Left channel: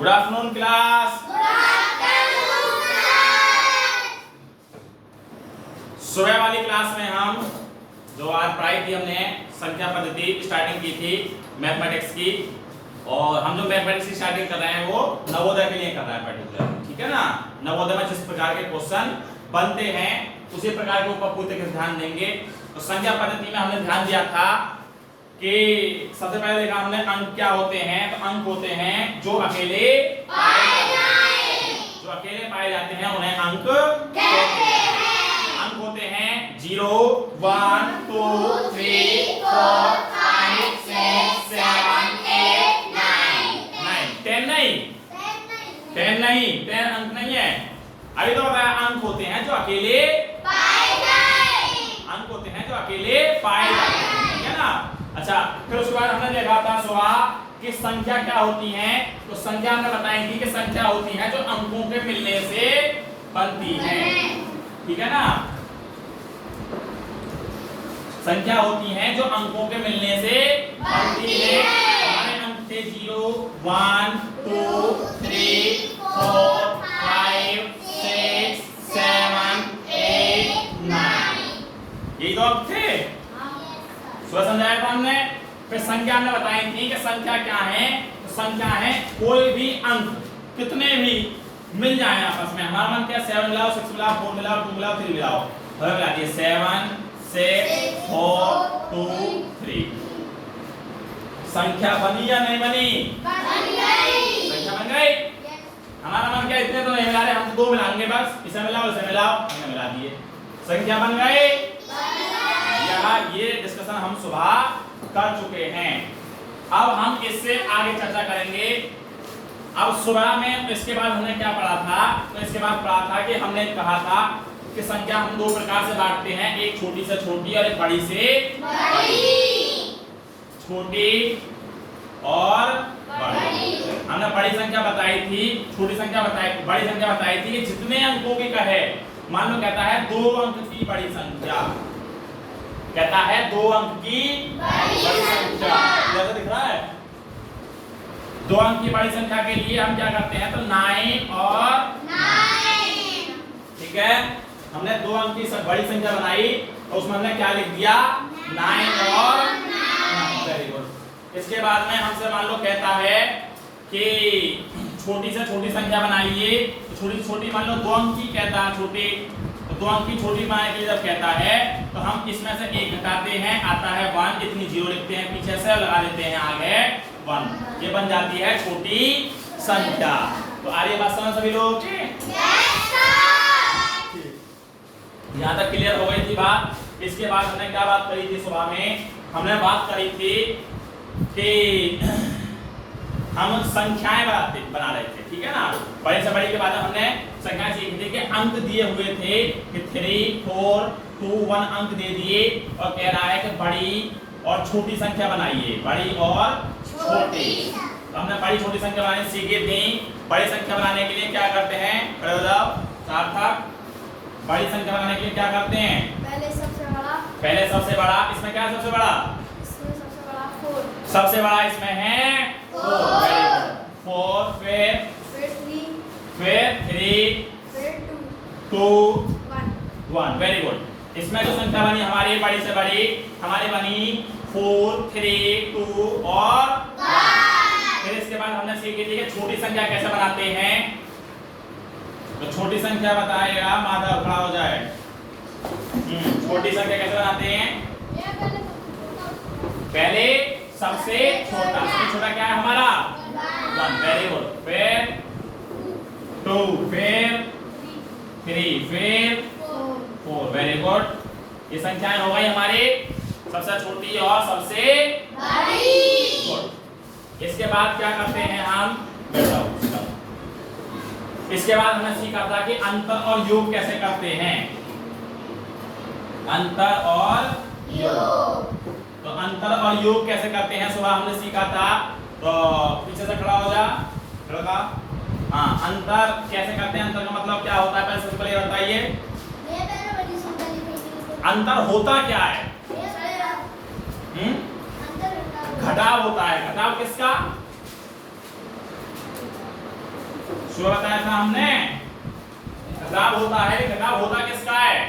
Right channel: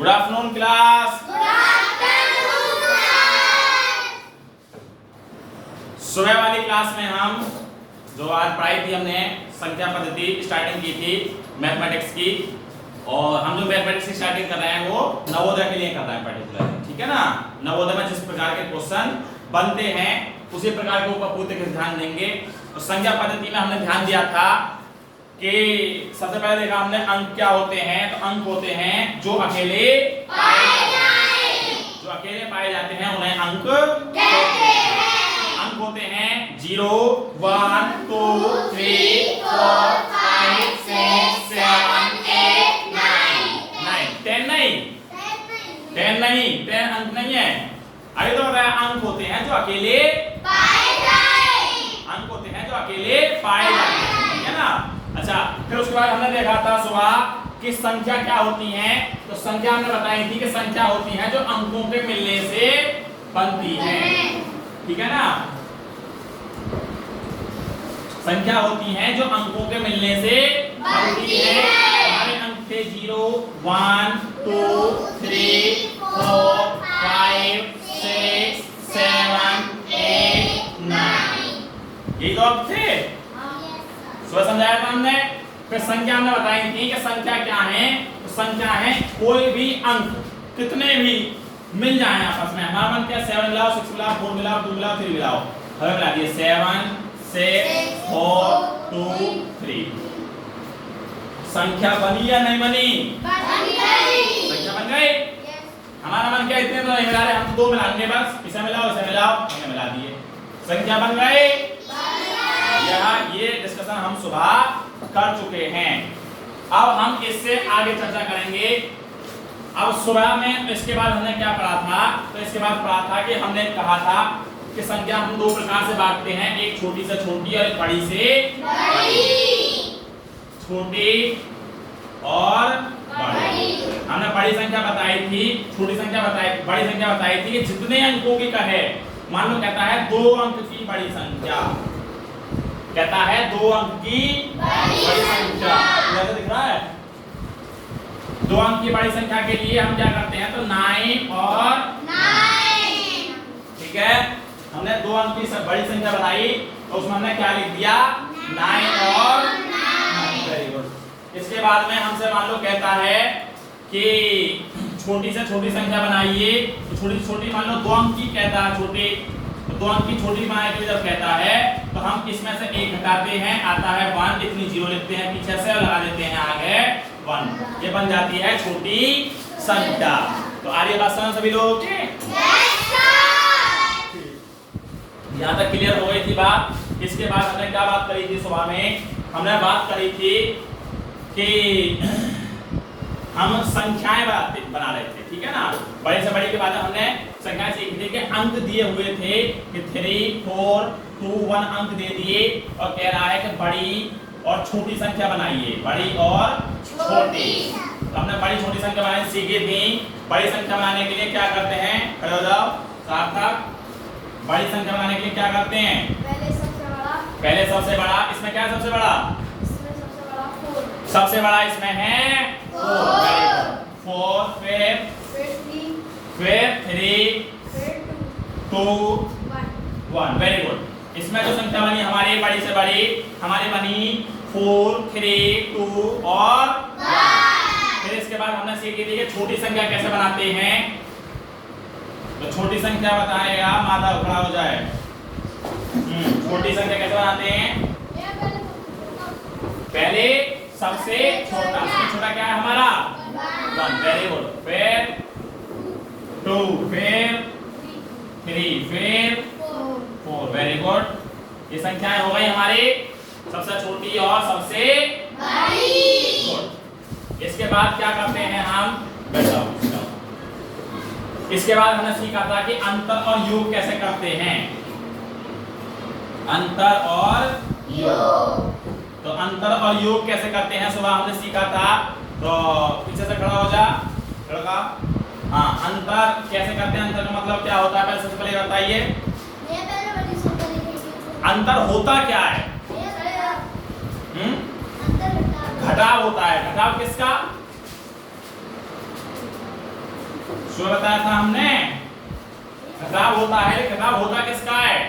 Good afternoon class. सुबह वाली class में हम जो आज पढ़ाई थी हमने संख्या पद्धति स्टार्टिंग की थी मैथमेटिक्स की, और हम जो मैथमेटिक्स की स्टार्टिंग कर रहे हैं वो नवोदय के लिए कर रहे हैं पर्टिकुलर, ठीक है ना। नवोदय में जिस प्रकार के क्वेश्चन बनते हैं उसी प्रकार के ऊपर पूरे तरीके से ध्यान देंगे। तो संख्या पद्धति में हमने ध्यान दिया था कि सबसे पहले देखा हमने अंक क्या होते हैं। तो अंक होते हैं जो अकेले पाए जाते हैं उन्हें अंक कहते हैं। अंक होते हैं 0 1 2 3 4 5 6 7 8 9 10 नहीं 10 अंक नहीं है। अभी तो बताया अंक होते हैं जो अकेले पाए जाते हैं, ठीक है ना। अच्छा, फिर उसके बाद हमने देखा था सुबह कि संख्या क्या होती है। तो संख्या हमने बताई थी कि संख्या होती है जो अंकों के मिलने से बनती है, ठीक है ना। संख्या होती है जो अंकों के मिलने से बनती है। हमारे अंक थे 0 1 2 3 4 5 6 7 8 9 ये तो अंक थे। सुबह समझाया था हमने। फिर संख्या हमने बताई थी कि संख्या क्या है। तो संख्या है कोई भी अंक कितने भी मिल जाए आपस में। हमारा मन क्या 7 मिलाओ 6 मिलाओ 4 मिलाओ 2 मिलाओ 3 मिलाओ, हमें मिला दिए 7 6 4 2 3। संख्या बनी या नहीं बनी? संख्या बन गई। हमारा मन क्या इतने तो नहीं मिला रहे, हम 2 मिलाएंगे बस, इसे मिलाओ इसे मिलाओ, मैंने मिला दिए, संख्या बन गई। ये डिस्कशन हम सुबह कर चुके हैं। अब हम इससे आगे चर्चा करेंगे। अब सुबह में इसके बाद हमने क्या पढ़ा था। तो इसके बाद पढ़ा था कि हमने कहा था कि संख्या हम 2 प्रकार से बांटते हैं, एक छोटी से छोटी और एक बड़ी से बड़ी। छोटी और बड़ी। हमने बड़ी संख्या बताई थी, छोटी संख्या बताई, बड़ी संख्या बताई थी कि जितने अंकों की कहे। मान लो कहता है 2 अंक की बड़ी संख्या, कहता है 2 अंक की बड़ी संख्या, जैसे दिख रहा है। 2 अंक की बड़ी संख्या के लिए हम क्या करते हैं, तो 9 और 9, ठीक है। हमने 2 अंक की बड़ी संख्या बनाई तो उसमें हमने क्या लिख दिया, 9 और 9। Very good. इसके बाद में हमसे मान लो कहता है कि छोटी से छोटी संख्या बनाइए। तो छोटी छोटी मान लो 2 अंक की कहता है छोटी, तो 2 अंक की छोटी बनाने के लिए जब कहता है तो हम इसमें से 1 घटाते हैं, आता है 1, इतनी 0 लिखते हैं पीछे से और लगा देते हैं आगे 1। ये बन जाती है छोटी संख्या। तो आ रही है बात समझ सभी लोग? यहाँ तक क्लियर हो गई थी बात। इसके बाद हमने क्या बात करी थी सुबह में? हमने बात करी थी कि हम संख्याएं बना रहे थे, ठीक है ना। बड़े से बड़े के बाद हमने संख्याएं सीखी थी कि अंक दिए हुए थे कि 3 4 2 1 अंक दे दिए और कह रहा है कि बड़ी और छोटी संख्या बनाइए, बड़ी और छोटी। तो हमने बड़ी छोटी संख्या बनानी सीखी थी। बड़ी संख्या बनाने के लिए क्या करते हैं, सार्थक? बड़ी संख्या बनाने के लिए क्या करते हैं? पहले सबसे बड़ा। इसमें क्या है सबसे बड़ा? सबसे बड़ा इसमें है 4, फिर 3 2 1। Very good. इसमें जो संख्या बनी हमारी बड़ी से बड़ी हमारी बनी 4 3 2 और 1। फिर इसके बाद हमने सीखी थी कि छोटी संख्या कैसे बनाते हैं। तो छोटी संख्या बताएगा माधव, खड़ा हो जाए। छोटी संख्या कैसे बनाते हैं? पहले सबसे छोटा, सबसे छोटा क्या है हमारा 1। Very good. फिर 2, फिर 3, फिर 4। Very good. ये संख्याएं हो गई हमारी सबसे छोटी और सबसे बड़ी। गुड। इसके बाद क्या करते हैं हम? इसके बाद हमने सीखा था कि अंतर और योग कैसे करते हैं। अंतर और योग। तो अंतर और योग कैसे करते हैं सुबह हमने सीखा था। तो पीछे से खड़ा हो जा, लड़का। हाँ, अंतर कैसे करते हैं? अंतर का मतलब क्या होता है पहले सबसे पहले बताइए। अंतर होता क्या है? घटाव होता है। घटाव किसका? सुबह बताया था हमने घटाव होता है, घटाव होता किसका है?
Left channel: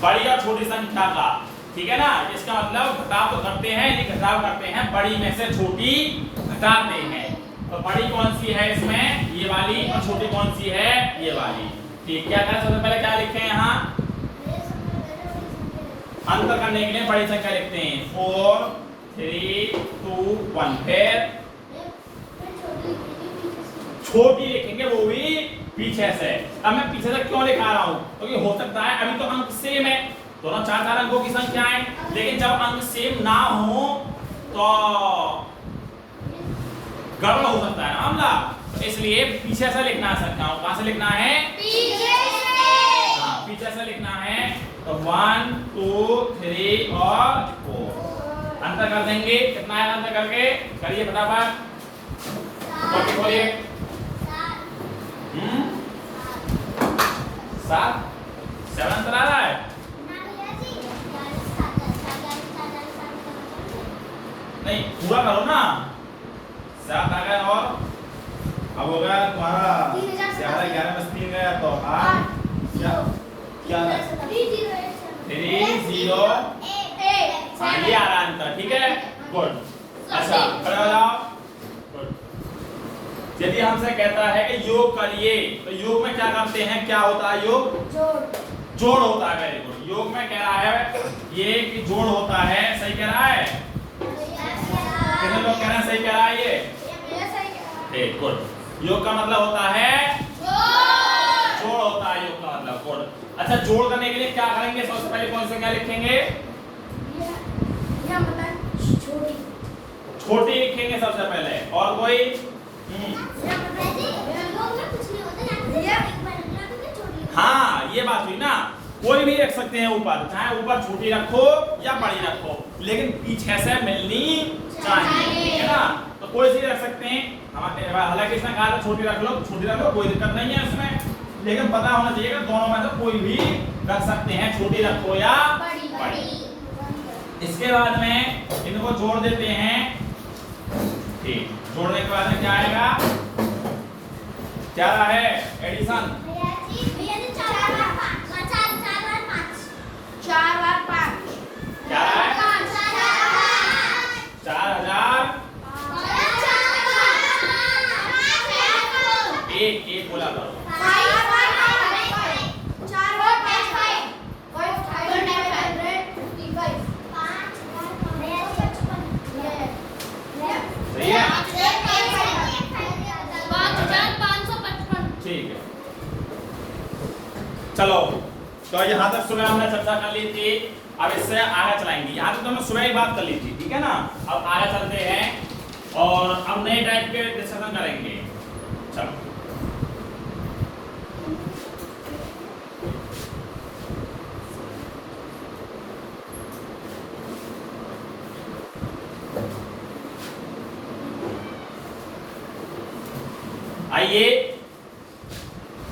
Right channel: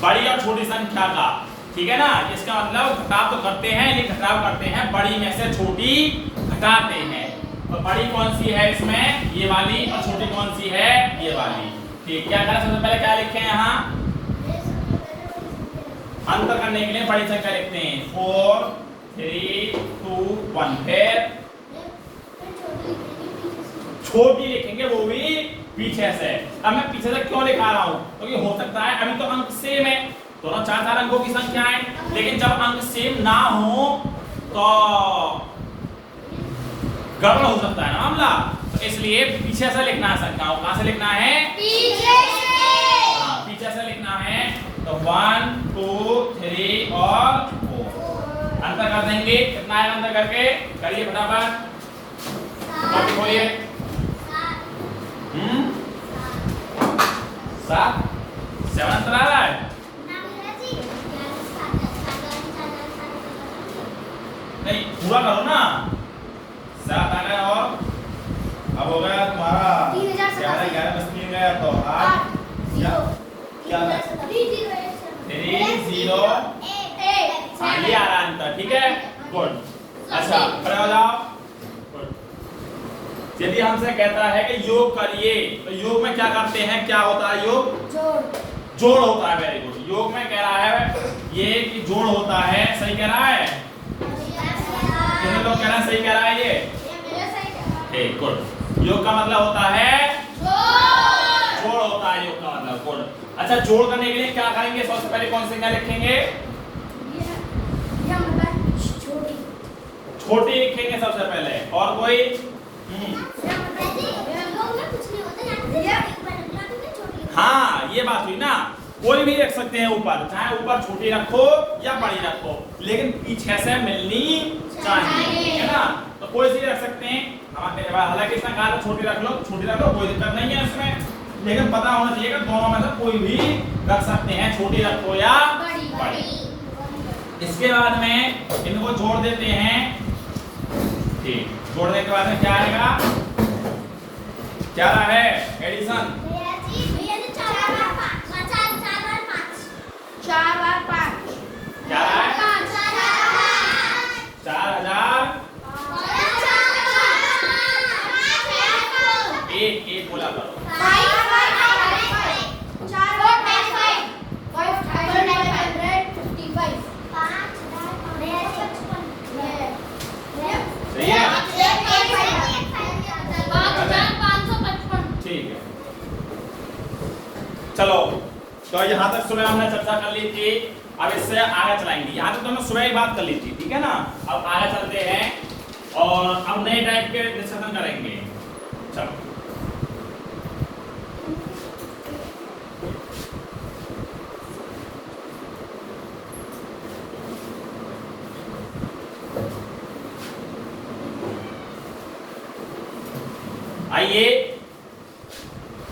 बड़ी और छोटी संख्या का, ठीक है ना। इसका मतलब घटाव तो करते हैं, ये घटाव करते हैं बड़ी में से छोटी घटाते हैं। तो बड़ी कौन सी है इसमें? ये वाली। और छोटी कौन सी है? ये वाली। ठीक, क्या करें सबसे पहले क्या लिखें यहाँ? अंतर करने के लिए बड़ी संख्या लिखते हैं 4 3 2 1। फिर छोटी लिखेंगे वो भी पीछे से। अब मैं पीछे से क्यों लिखा रहा हूं? क्योंकि हो सकता है अभी तो अंक सेम है, दोनों चार चार अंकों की संख्या है, लेकिन जब अंक सेम ना हो तो गड़बड़ हो सकता है ना मामला। तो इसलिए पीछे से लिखना है संख्याओं। कहां से लिखना है? पीछे से। हाँ, पीछे से लिखना है। तो 1 2 3 और 4 अंतर कर देंगे। कितना है अंतर करके? करिए फटाफट। बोलिए 7 7 अंतर आ रहा है। नहीं, पूरा करो ना। 7 आ गया और अब हो गया तुम्हारा 11 11 बस 3 गया तो 8 क्या 3 0 ये आ रहा अंतर, ठीक है। गुड। अच्छा खड़े हो जाओ। यदि हमसे कहता है कि योग करिए, तो योग में क्या करते हैं? क्या होता है योग? जोड़ होता है। Very good. योग में कह रहा है ये कि जोड़ होता है। सही कह रहा है? कितने लोग कह रहे हैं सही कह रहा है ये? ठीक, गुड। योग का मतलब होता है जोड़ होता है योग का मतलब। गुड। अच्छा, जोड़ करने के लिए क्या करेंगे? सबसे पहले कौन से क्या लिखेंगे? छोटी लिखेंगे सबसे पहले। और कोई? हाँ, ये बात हुई ना। कोई भी रख सकते हैं ऊपर, चाहे ऊपर छोटी रखो या बड़ी रखो, लेकिन पीछे से मिलनी चाहिए, है ना। तो कोई सी रख सकते हैं। हालांकि इसने कहा था छोटी रख लो, छोटी रख लो, कोई दिक्कत नहीं है इसमें, लेकिन पता होना चाहिए कि दोनों में से कोई भी रख सकते हैं, छोटी रखो या बड़ी। इसके बाद में इनको जोड़ देते हैं। ठीक, जोड़ने के बाद में क्या आएगा? क्या रहा है? एडिशन। 1 बोला करो। सही है? ठीक है, चलो। तो यहाँ तक सुबह हमने चर्चा कर ली थी। अब इससे आगे चलाएंगे। यहाँ तक तो हमने सुबह ही बात कर ली थी, ठीक है ना। अब आगे चलते हैं और हम नए टाइप के डिस्कशन करेंगे। चलो, आइए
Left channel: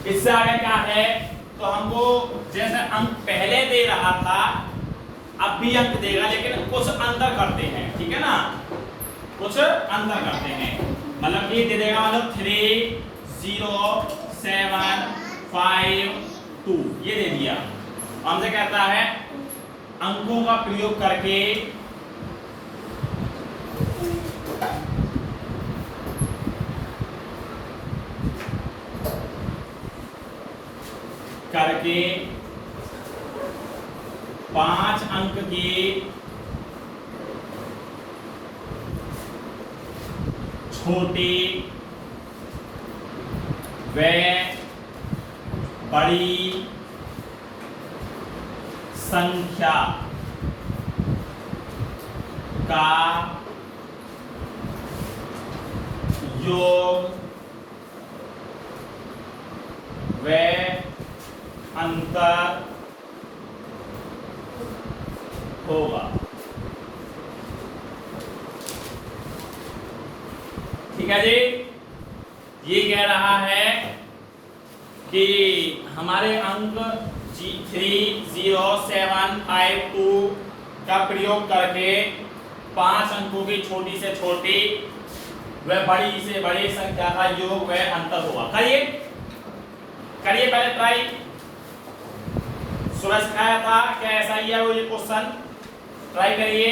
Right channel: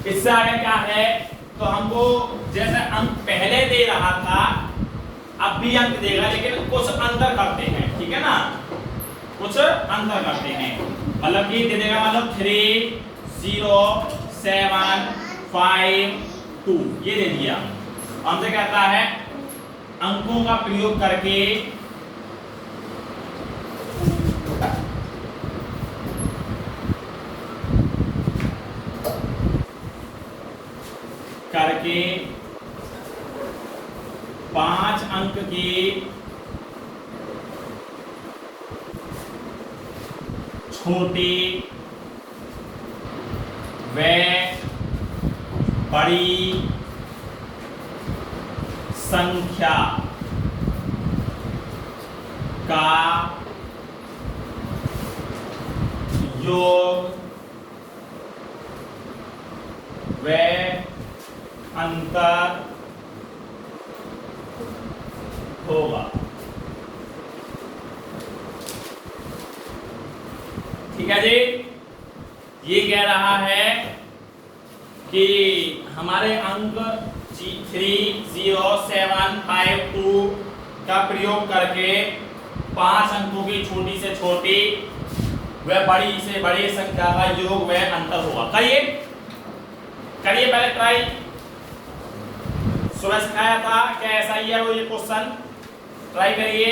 इससे आगे क्या है? तो हमको जैसे अंक पहले दे रहा था, अब भी अंक देगा, लेकिन कुछ अंतर करते हैं, ठीक है ना। कुछ अंतर करते हैं, मतलब ये दे देगा, मतलब 3 0 7 5 2 ये दे दिया। हमसे कहता है अंकों का प्रयोग करके करके 5 अंक की छोटी व बड़ी संख्या का योग व अंतर होगा। ठीक है जी। ये कह रहा है कि हमारे अंक 3 0 7 5 2 का प्रयोग करके 5 अंकों की छोटी से छोटी वह बड़ी से बड़ी संख्या का योग वह अंतर होगा। करिए पहले ट्राई। सूरज सिखाया था, क्या ऐसा ही है वो ये क्वेश्चन? ट्राई करिए।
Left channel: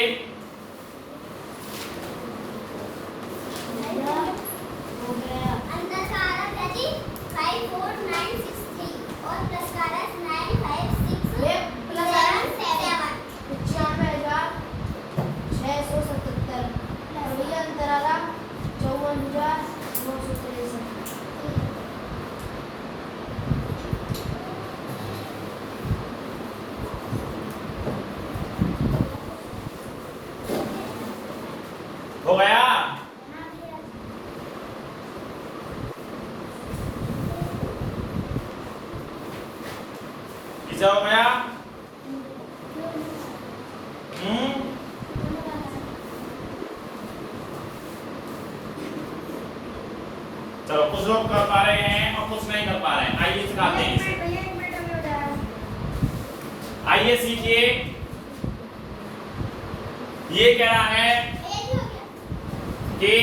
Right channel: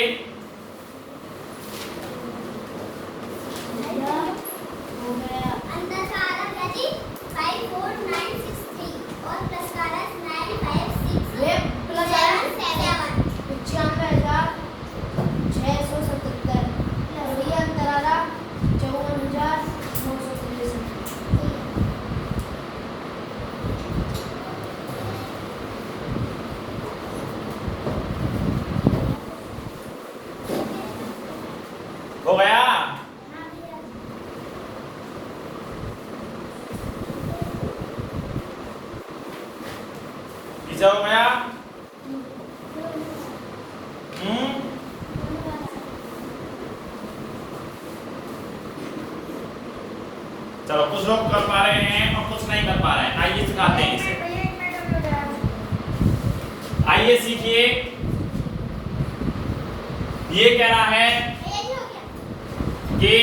हो गया? कितना हो गया? चलो, कुछ लोग कर पा रहे हैं और कुछ नहीं कर पा रहे हैं। आइए सिखाते हैं इसे। आइए सीखिए। ये कह रहा है कि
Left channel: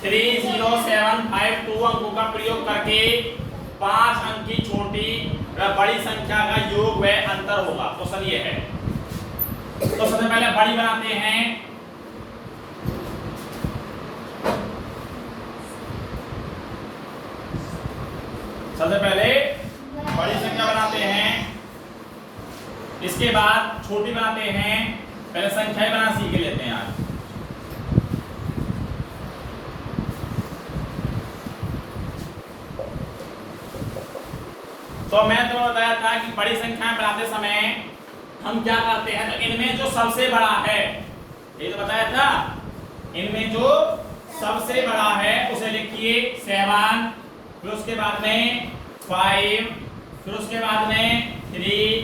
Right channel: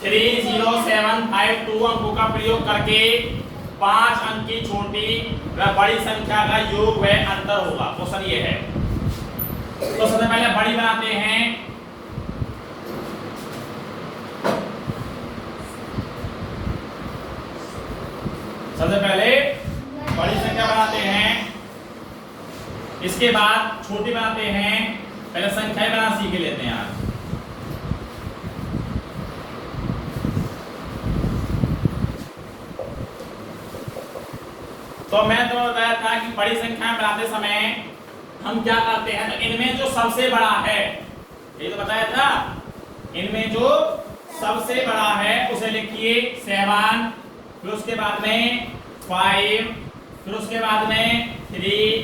30752 अंकों का प्रयोग करके 5 अंक की छोटी व बड़ी संख्या का योग व अंतर होगा। क्वेश्चन ये है। तो सबसे पहले बड़ी बनाते हैं। सबसे पहले बड़ी संख्या बनाते हैं, इसके बाद छोटी बनाते हैं। पहले संख्याएं बनाना सीख लेते हैं आज। तो मैं तो बताया था कि बड़ी संख्या बनाते समय हम क्या करते हैं, तो इनमें जो सबसे बड़ा है, ये तो बताया था, इनमें जो सबसे बड़ा है उसे लिखिए 7, फिर उसके बाद में 5, फिर उसके बाद में 3,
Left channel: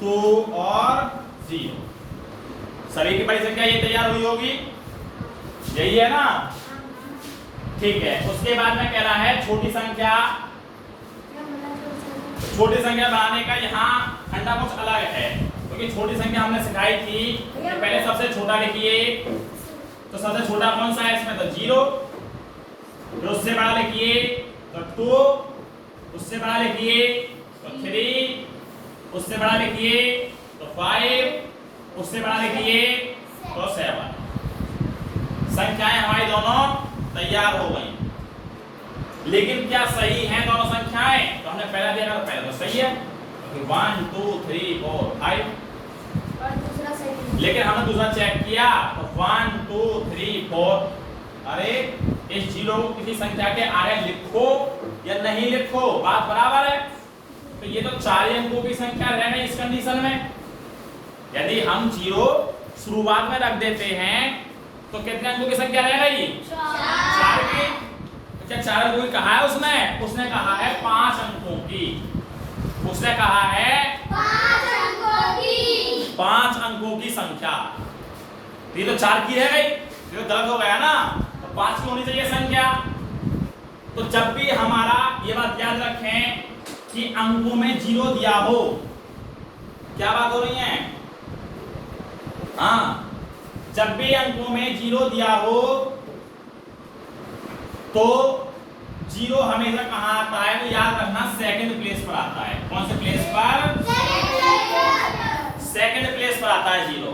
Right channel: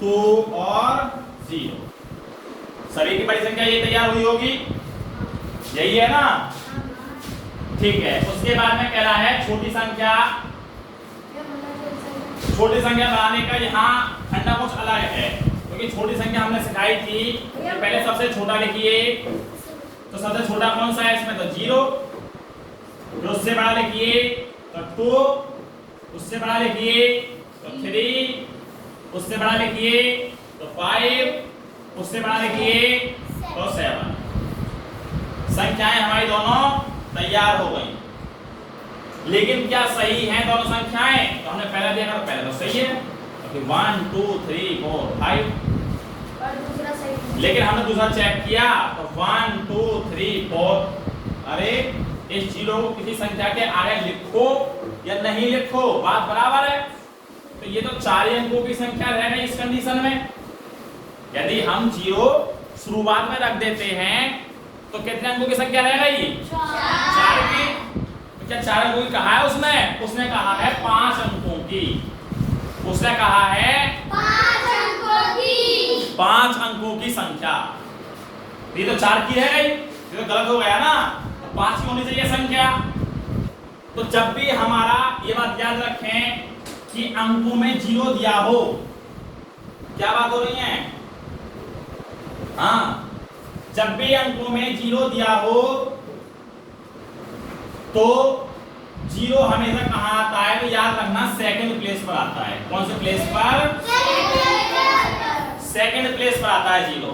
2 और 0। सभी की बड़ी संख्या ये तैयार हुई होगी, यही है ना? ठीक है। उसके बाद में कह रहा है छोटी संख्या। छोटी संख्या बनाने का यहाँ फंडा कुछ अलग है, क्योंकि छोटी संख्या हमने सिखाई थी कि पहले सबसे छोटा लिखिए। तो सबसे छोटा कौन सा है इसमें? तो 0। फिर उससे बड़ा लिखिए तो 2, उससे बड़ा लिखिए तो 3, उससे बड़ा लिखिए तो 5, उससे बड़ा लिखिए तो 7। संख्याएं हमारी दोनों तैयार हो गई। लेकिन क्या सही हैं दोनों संख्याएं? तो हमने पहले देखा, पहले तो सही है, 1 2 3 4 5। लेकिन हमने दूसरा चेक किया तो 1 2 3 4। अरे इस 0 को किसी संख्या के आगे लिखो या नहीं लिखो, बात बराबर है। तो ये तो 4 अंकों की संख्या रह गई इस कंडीशन में। यदि हम 0 शुरुआत में रख देते हैं तो कितने अंकों की संख्या रह गई? 4 की। क्या 4 अंकों की कहा है उसने? उसने कहा है 5 अंकों की। उसने कहा है 5 अंकों की। 5 अंकों की संख्या। ये तो 4 की है, ये तो गलत हो गया ना। 5 की होनी चाहिए संख्या। तो जब भी हमारा ये बात याद रखें कि अंकों में 0 दिया हो, क्या बात हो रही है? हाँ, जब भी अंकों में 0 दिया हो तो 0 हमेशा कहाँ आता है? तो याद रखना सेकंड प्लेस पर आता है। कौन से प्लेस पर? सेकंड प्लेस पर आता है 0।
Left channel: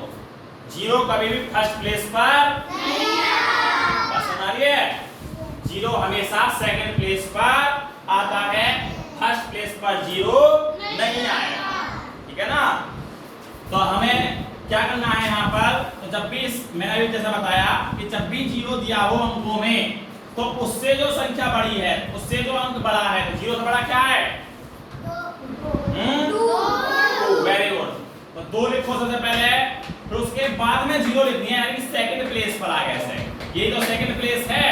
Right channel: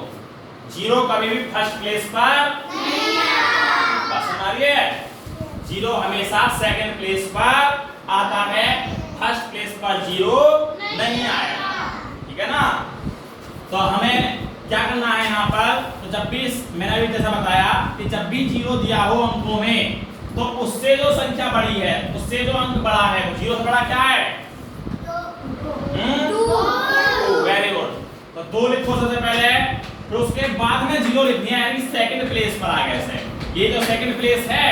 0 कभी भी फर्स्ट प्लेस पर नहीं आता। बात समझ रही है? 0 हमेशा सेकंड प्लेस पर आता है, फर्स्ट प्लेस पर 0 नहीं आएगा। ठीक है ना? तो हमें क्या करना है यहाँ पर? तो जब भी मैंने अभी जैसा बताया कि जब भी 0 दिया हो अंकों में, तो उससे जो संख्या बड़ी है, उससे जो अंक बड़ा है, तो 0 से बड़ा क्या है? 2। Very good. तो 2 लिखो सबसे पहले, फिर उसके बाद में 0 लिखनी है, यानी सेकंड प्लेस पर आ गया ऐसे। ये तो सेकंड प्लेस है।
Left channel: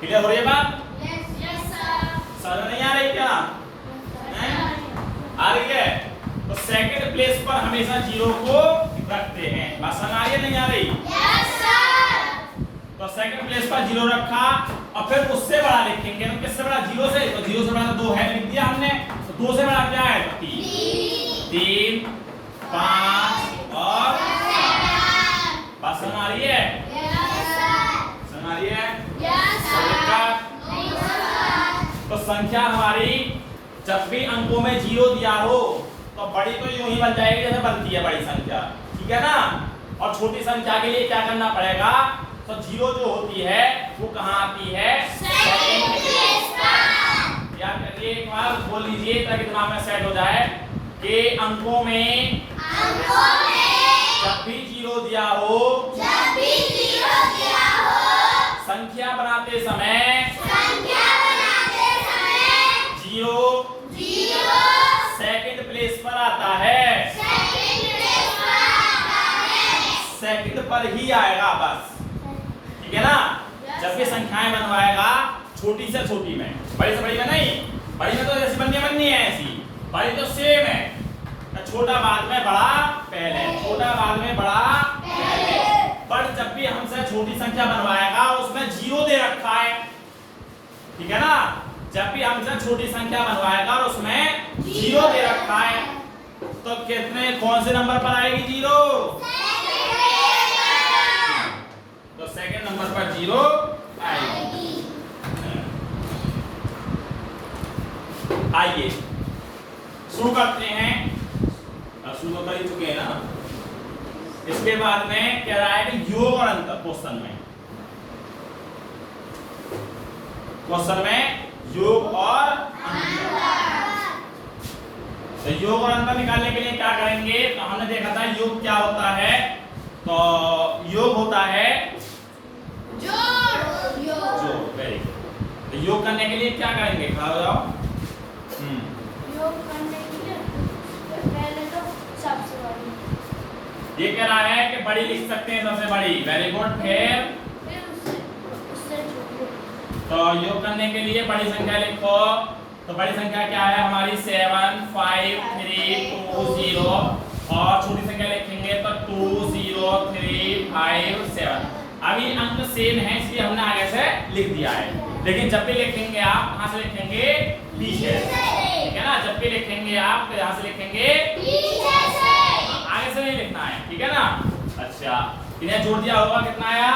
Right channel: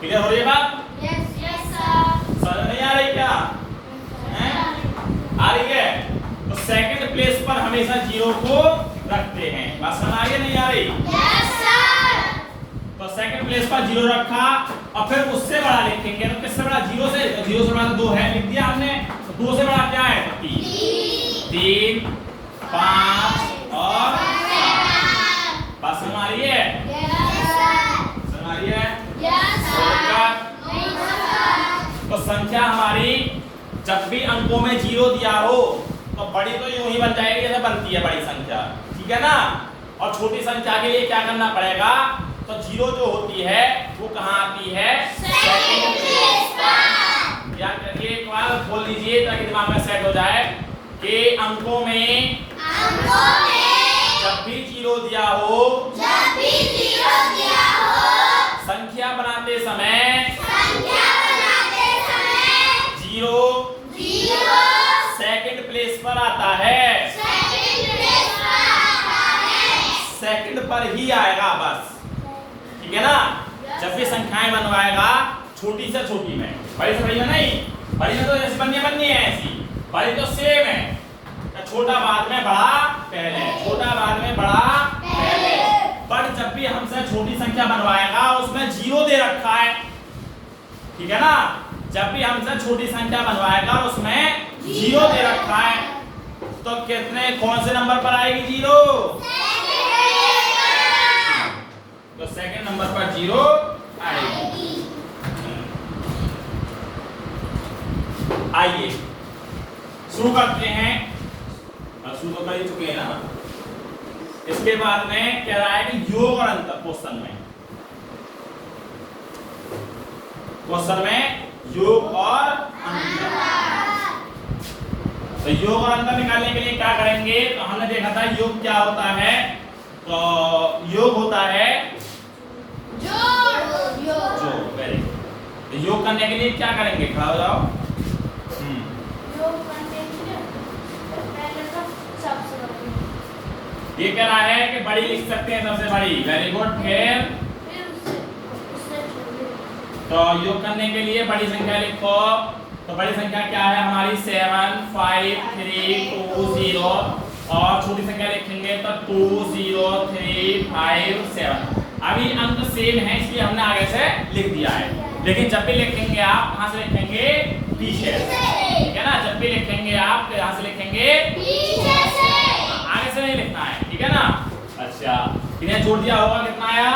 क्लियर हो रही है बात? Yes sir. समझ नहीं आ रही क्या? आ रही है? तो सेकंड प्लेस पर हमेशा 0 को रखते हैं। बात समझ आ रही है नहीं आ रही? Yes sir. तो सेकंड प्लेस पर 0 रखा और फिर उससे बड़ा लिखेंगे। तो किससे बड़ा? 0 से। तो 0 से बड़ा 2 है, लिख दिया हमने। तो 2 से बड़ा क्या है? तो 3, 5 और 7। बात समझ आ रही है? Yes sir. आ रही है? Yes sir. तो संख्या हमारी जब भी अंकों में 0 दिया हो तो बड़ी तो यूं ही बन जाएगी जैसे बनती है बड़ी संख्या, ठीक है ना। और छोटी संख्या के लिए क्या करना पड़ेगा, तो 0 जो होती है वो कहाँ आती है, सेकंड प्लेस पर। याद करिए, एक बार बोल लीजिए ताकि दिमाग में सेट हो जाए कि अंकों में जब भी 0 दिया हो, संख्या बनाते समय 0 सेकंड प्लेस पर आता है, सेकंड पर ही आएगा बस, ठीक है ना। जब भी संख्याएं बनवाएगा छोटी से छोटी में, बड़ी से बड़ी में नहीं, बड़ी में तो जैसे बननी है ऐसी, बड़ी तो सेम है, छोटा बाद में बड़ा पहले, छोटा बाद में बड़ा पहले। पर जब भी हमसे छोटी संख्या बनवाएगा उसमें 0 दे रखा है, ठीक है ना। जब भी हमसे छोटी संख्या बनवाएगा और उसमें 0 दे रखा है तो कितने कौन से नंबर पर आएगी 0, तो सेकंड नंबर पर 0 आएगी। आइए शुरू करते हैं, शुरू तो कर ही चुके हैं ना। इसके बाद में कह रहा है कि योग और अंतर, क्वेश्चन में योग और अंतर। तो योग और अंतर निकालने के लिए क्या करेंगे, तो हमने देखा था योग क्या होता है, तो योग होता है जोड़, वेरी गुड। तो योग करने के लिए क्या करेंगे, खड़ा हो जाओ। योग करने के लिए पहले तो सबसे बड़ी, ये कह रहा है कि बड़ी लिख सकते हैं, सबसे बड़ी, वेरी गुड। फिर उससे छोटी। तो योग करने के लिए बड़ी संख्या लिखो, तो बड़ी संख्या क्या है हमारी 7 5 3 2 0, और छोटी संख्या लिखेंगे तो 2 0 3 5 7। अभी अंक सेम है इसलिए हमने आगे से लिख दिया है, लेकिन जब भी लिखेंगे आप कहां से लिखेंगे, पीछे से, ठीक है ना। जब भी लिखेंगे आप कहां से लिखेंगे, पीछे से, आगे से नहीं लिखना है, ठीक है ना। अच्छा, इन्हें जोड़ दिया होगा, कितना आया,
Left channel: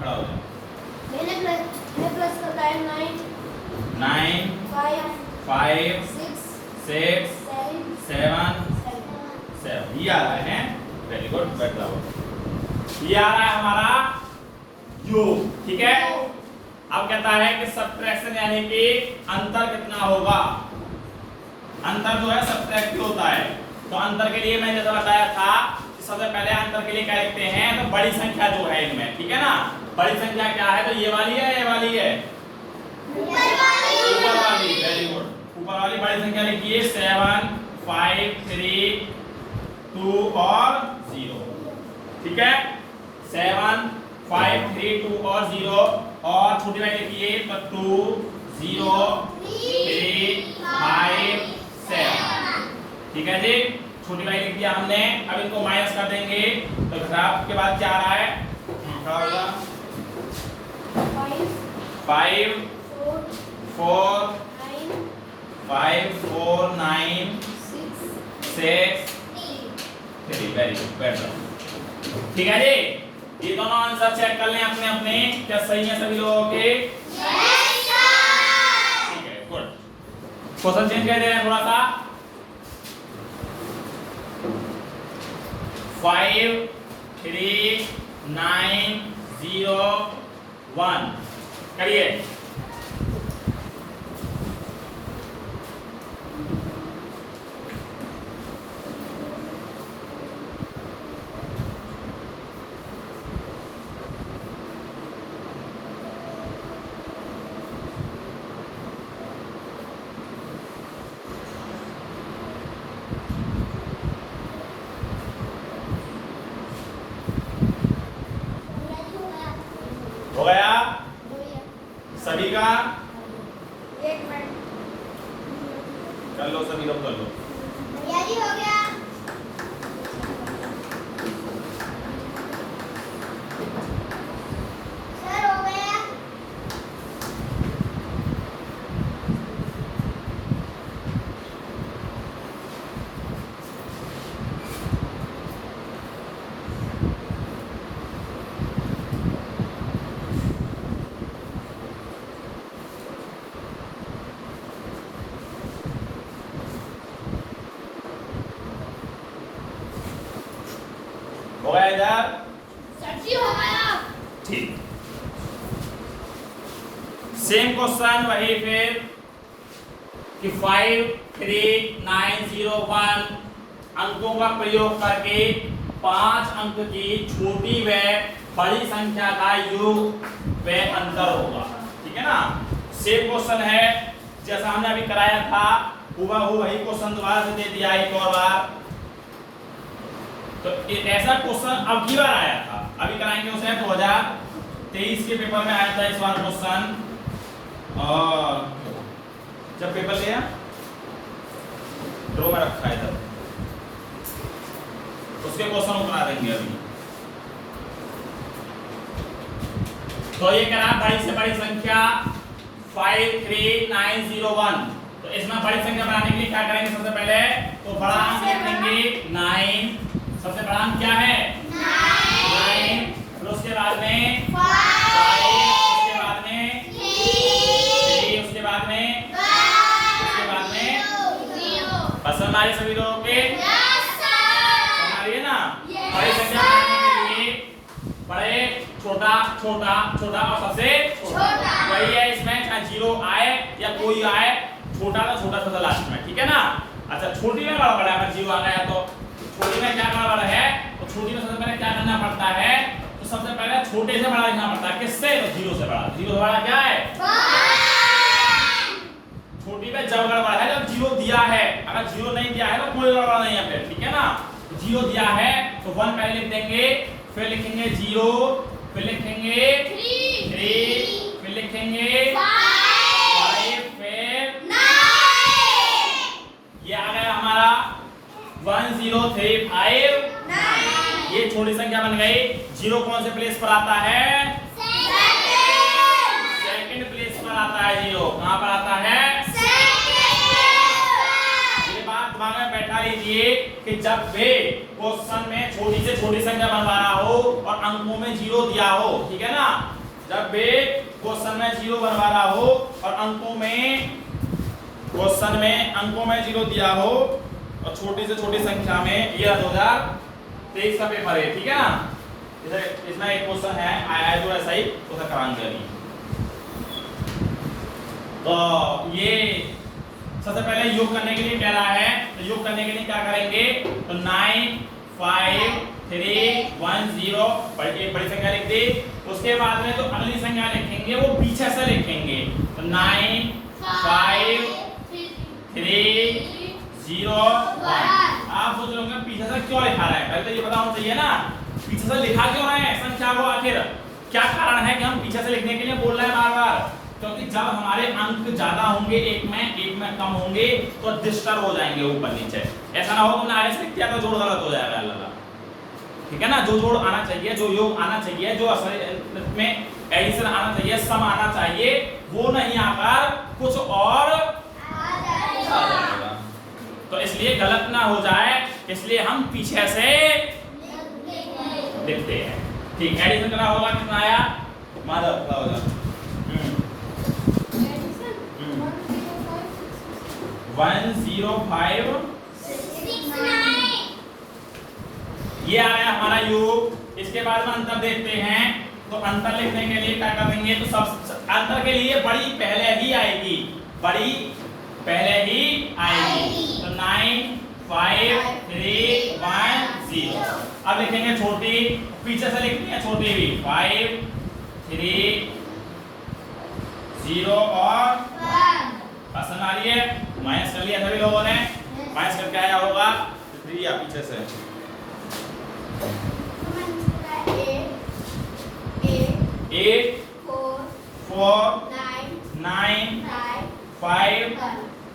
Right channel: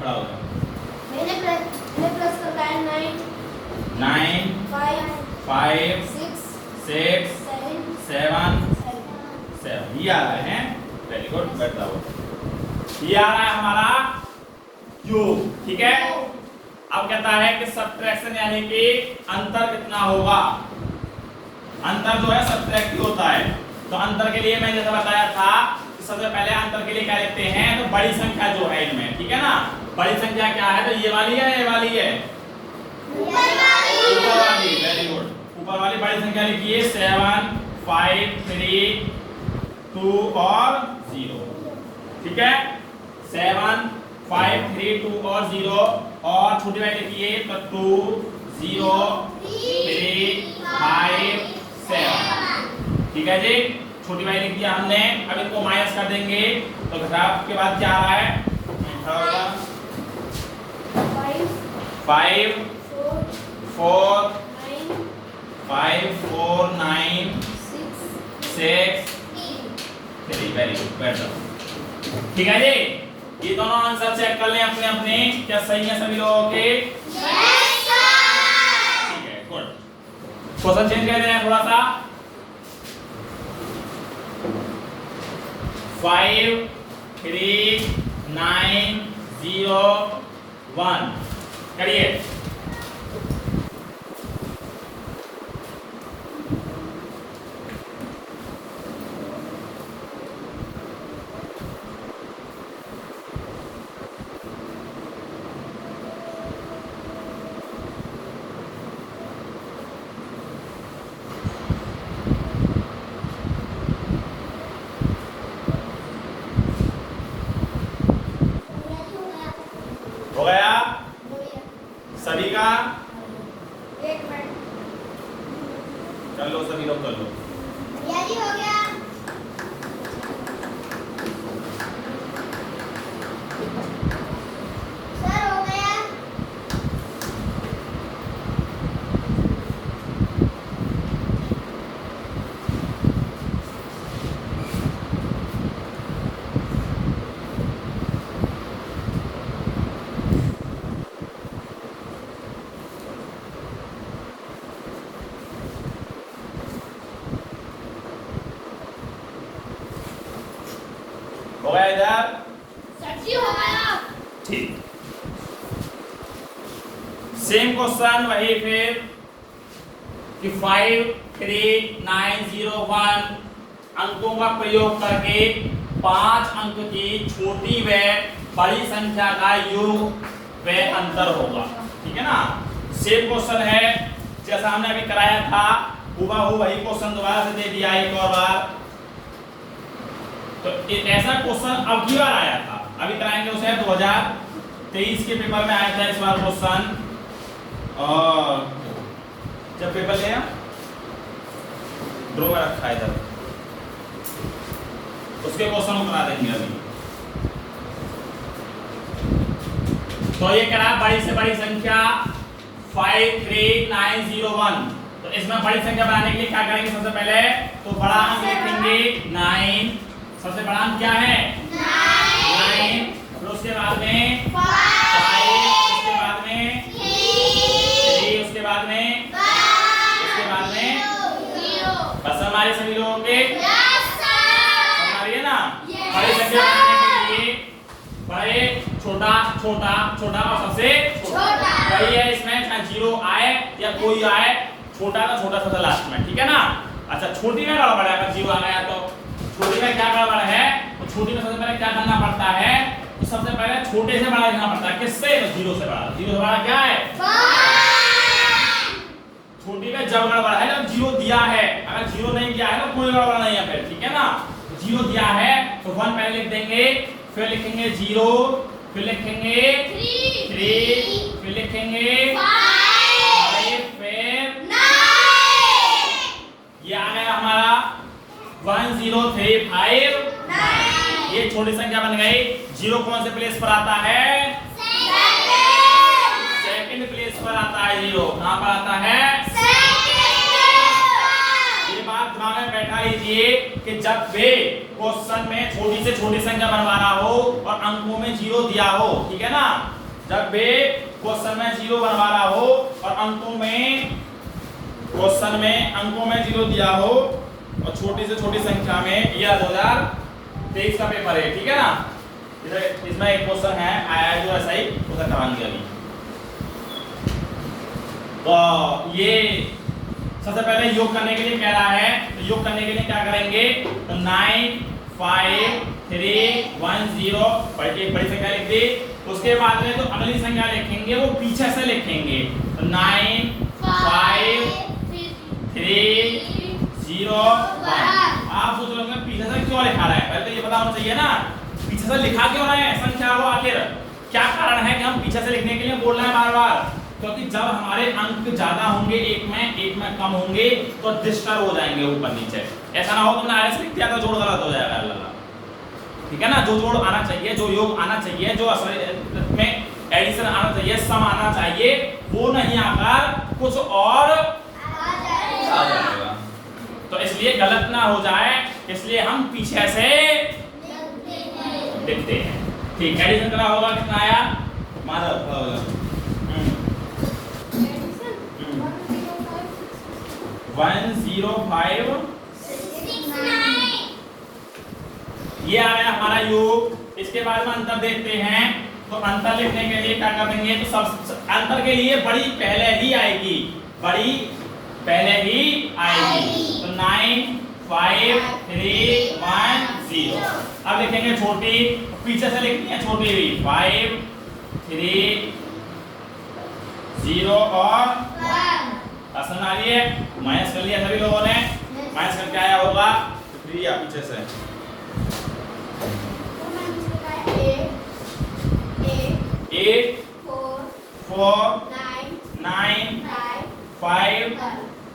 खड़ा हो जाओ। 9 5 6 7 ये आ रहा है, वेरी गुड, बैठ जाओ। ये आ रहा है हमारा योग, ठीक है। अब कहता है कि सब्ट्रैक्शन यानी कि अंतर कितना होगा। अंतर जो है सब्ट्रैक्टिव होता है, तो अंतर के लिए मैंने जैसा बताया था, सबसे पहले अंतर के लिए क्या लिखते हैं, तो बड़ी संख्या जो है इनमें, ठीक है ना। बड़ी संख्या क्या है, तो ये वाली है, ये वाली है, ऊपर वाली, वेरी गुड। ऊपर वाली बड़ी संख्या लिखिए, 7 5 3 2 और 0, ठीक है। 7 5 3 2 और 0, और छोटी वाली लिखिए तो 2 0 3 5 7, ठीक है जी। छोटी वाली लिख दिया हमने, अब इनको माइनस कर देंगे तो घटाव के बाद क्या आ रहा है, 5 4 5 4 9 6 3, वेरी गुड, बेटर, ठीक है जी। ये दोनों आंसर चेक कर लें अपने अपने, क्या सही है सभी लोगों के, ठीक है, गुड। क्वेश्चन चेंज कर रहे हैं थोड़ा सा, 5 3 9 0 1 करिए। हो गया, हो गया इधर? सर जी हो गया। ठीक, सेम क्वेश्चन वही फिर कि 5 3 9 0 1 अंकों का प्रयोग करके 5 अंक की छोटी व बड़ी संख्या का योग व अंतर होगा। ठीक है ना? सेम क्वेश्चन है जैसा हमने अभी कराया था, हुबहू वही क्वेश्चन दोबारा से दे दिया एक और बार। तो ऐसा क्वेश्चन अब की बार आया था, अभी कराएंगे उसे 2023 के पेपर में आया था इस बार क्वेश्चन। और जब पेपर लिया ड्रो में रखा है इधर, उसके क्वेश्चन को करा देंगे अभी। तो ये करा बड़ी से बड़ी संख्या 5 3 9 0 1। तो इसमें बड़ी संख्या बनाने के लिए क्या करेंगे? सबसे पहले तो बड़ा अंक लिखेंगे 9। सबसे बड़ा अंक क्या है? 9। फिर उसके बाद में 5, उसके बाद में 3, उसके बाद में 0। बस हमारे सभी लोगों के ना बड़ी संख्या बनाने के लिए बड़े छोटा छोटा छोटा और सबसे छोटा वही है। इसमें चाहे 0 आए या कोई आए, छोटा का छोटा सबसे लास्ट में। ठीक है ना? अच्छा, छोटी में बड़ा बड़ा अगर 0 आ गया तो छोटी में क्या बड़ा है? तो छोटी में सबसे पहले क्या करना पड़ता है? तो सबसे पहले छोटे से बड़ा लिखना पड़ता है। किससे? 0 से बड़ा। 0 से बड़ा क्या है? छोटी में जब गड़बड़ है जब 0 दिया है, अगर 0 नहीं दिया है तो कोई गड़बड़ नहीं है फिर। ठीक है ना? 0 दिया है तो 1 पहले लिख देंगे, फिर लिखेंगे 0, फिर लिखेंगे 3, फिर लिखेंगे 5, फिर 9। ये आ गया हमारा 1 0 3 5 9। ये छोटी संख्या बन गई। 0 कौन से प्लेस पर आता है? सेकंड प्लेस पर आता है 0। कहां पर आता है? दिमाग में बैठा लीजिए कि जब वे क्वेश्चन में छोटी से छोटी संख्या बनवाना हो और अंकों में 0 दिया हो, ठीक है ना? जब वे क्वेश्चन में 0 बनवाना हो और अंकों में 0 दिया हो और छोटी से छोटी संख्या में, यह 2023 का पेपर है। ठीक है ना? इसमें एक क्वेश्चन है आया है जो ऐसा ही उसे कराएंगे अभी। तो ये सबसे पहले योग करने के लिए कह रहा है, तो योग करने के लिए क्या करेंगे? तो 9 5 3 1 0 एक बड़ी संख्या लिख दी। उसके बाद में जो अगली संख्या लिखेंगे वो पीछे से लिखेंगे। तो 9 5 3 0 1। आप सोच रहे होंगे पीछे से क्यों लिखा रहा है? पहले तो ये पता होना चाहिए ना पीछे से लिखा क्यों रहे हैं संख्या को, आखिर क्या कारण है कि हम पीछे से लिखने के लिए बोल रहे हैं बार बार? क्योंकि जब हमारे अंक ज्यादा होंगे एक में कम होंगे तो डिस्टर्ब हो जाएंगे ऊपर नीचे। ऐसा ना हो तुमने आगे से लिख दिया तो जोड़ गलत हो जाएगा अल्लाह। ठीक है ना? जो जोड़ आना चाहिए, जो योग आना चाहिए, जो असल में एडिशन आना चाहिए, सम आना चाहिए, वो नहीं आकर कुछ और आ जाएगा। तो इसलिए गलत ना हो जाए, इसलिए हम पीछे से लिखते हैं। ठीक, एडिशन करा होगा कितना आया? माधव 105 ये आ गया हमारा योग। इसके बाद हम अंतर देखते हैं। तो अंतर लिखने के लिए क्या करेंगे? तो सब अंतर के लिए बड़ी पहले ही आएगी, बड़ी पहले ही आएगी। तो 9 5 3 1 0। अब लिखेंगे छोटी, पीछे से लिखनी है छोटी भी। 5 3 0 और 1। आसान आ रही है? माइनस कर लिया सभी लोगों ने? माइनस करके आया होगा तो 3 या पीछे से 8 4 9 5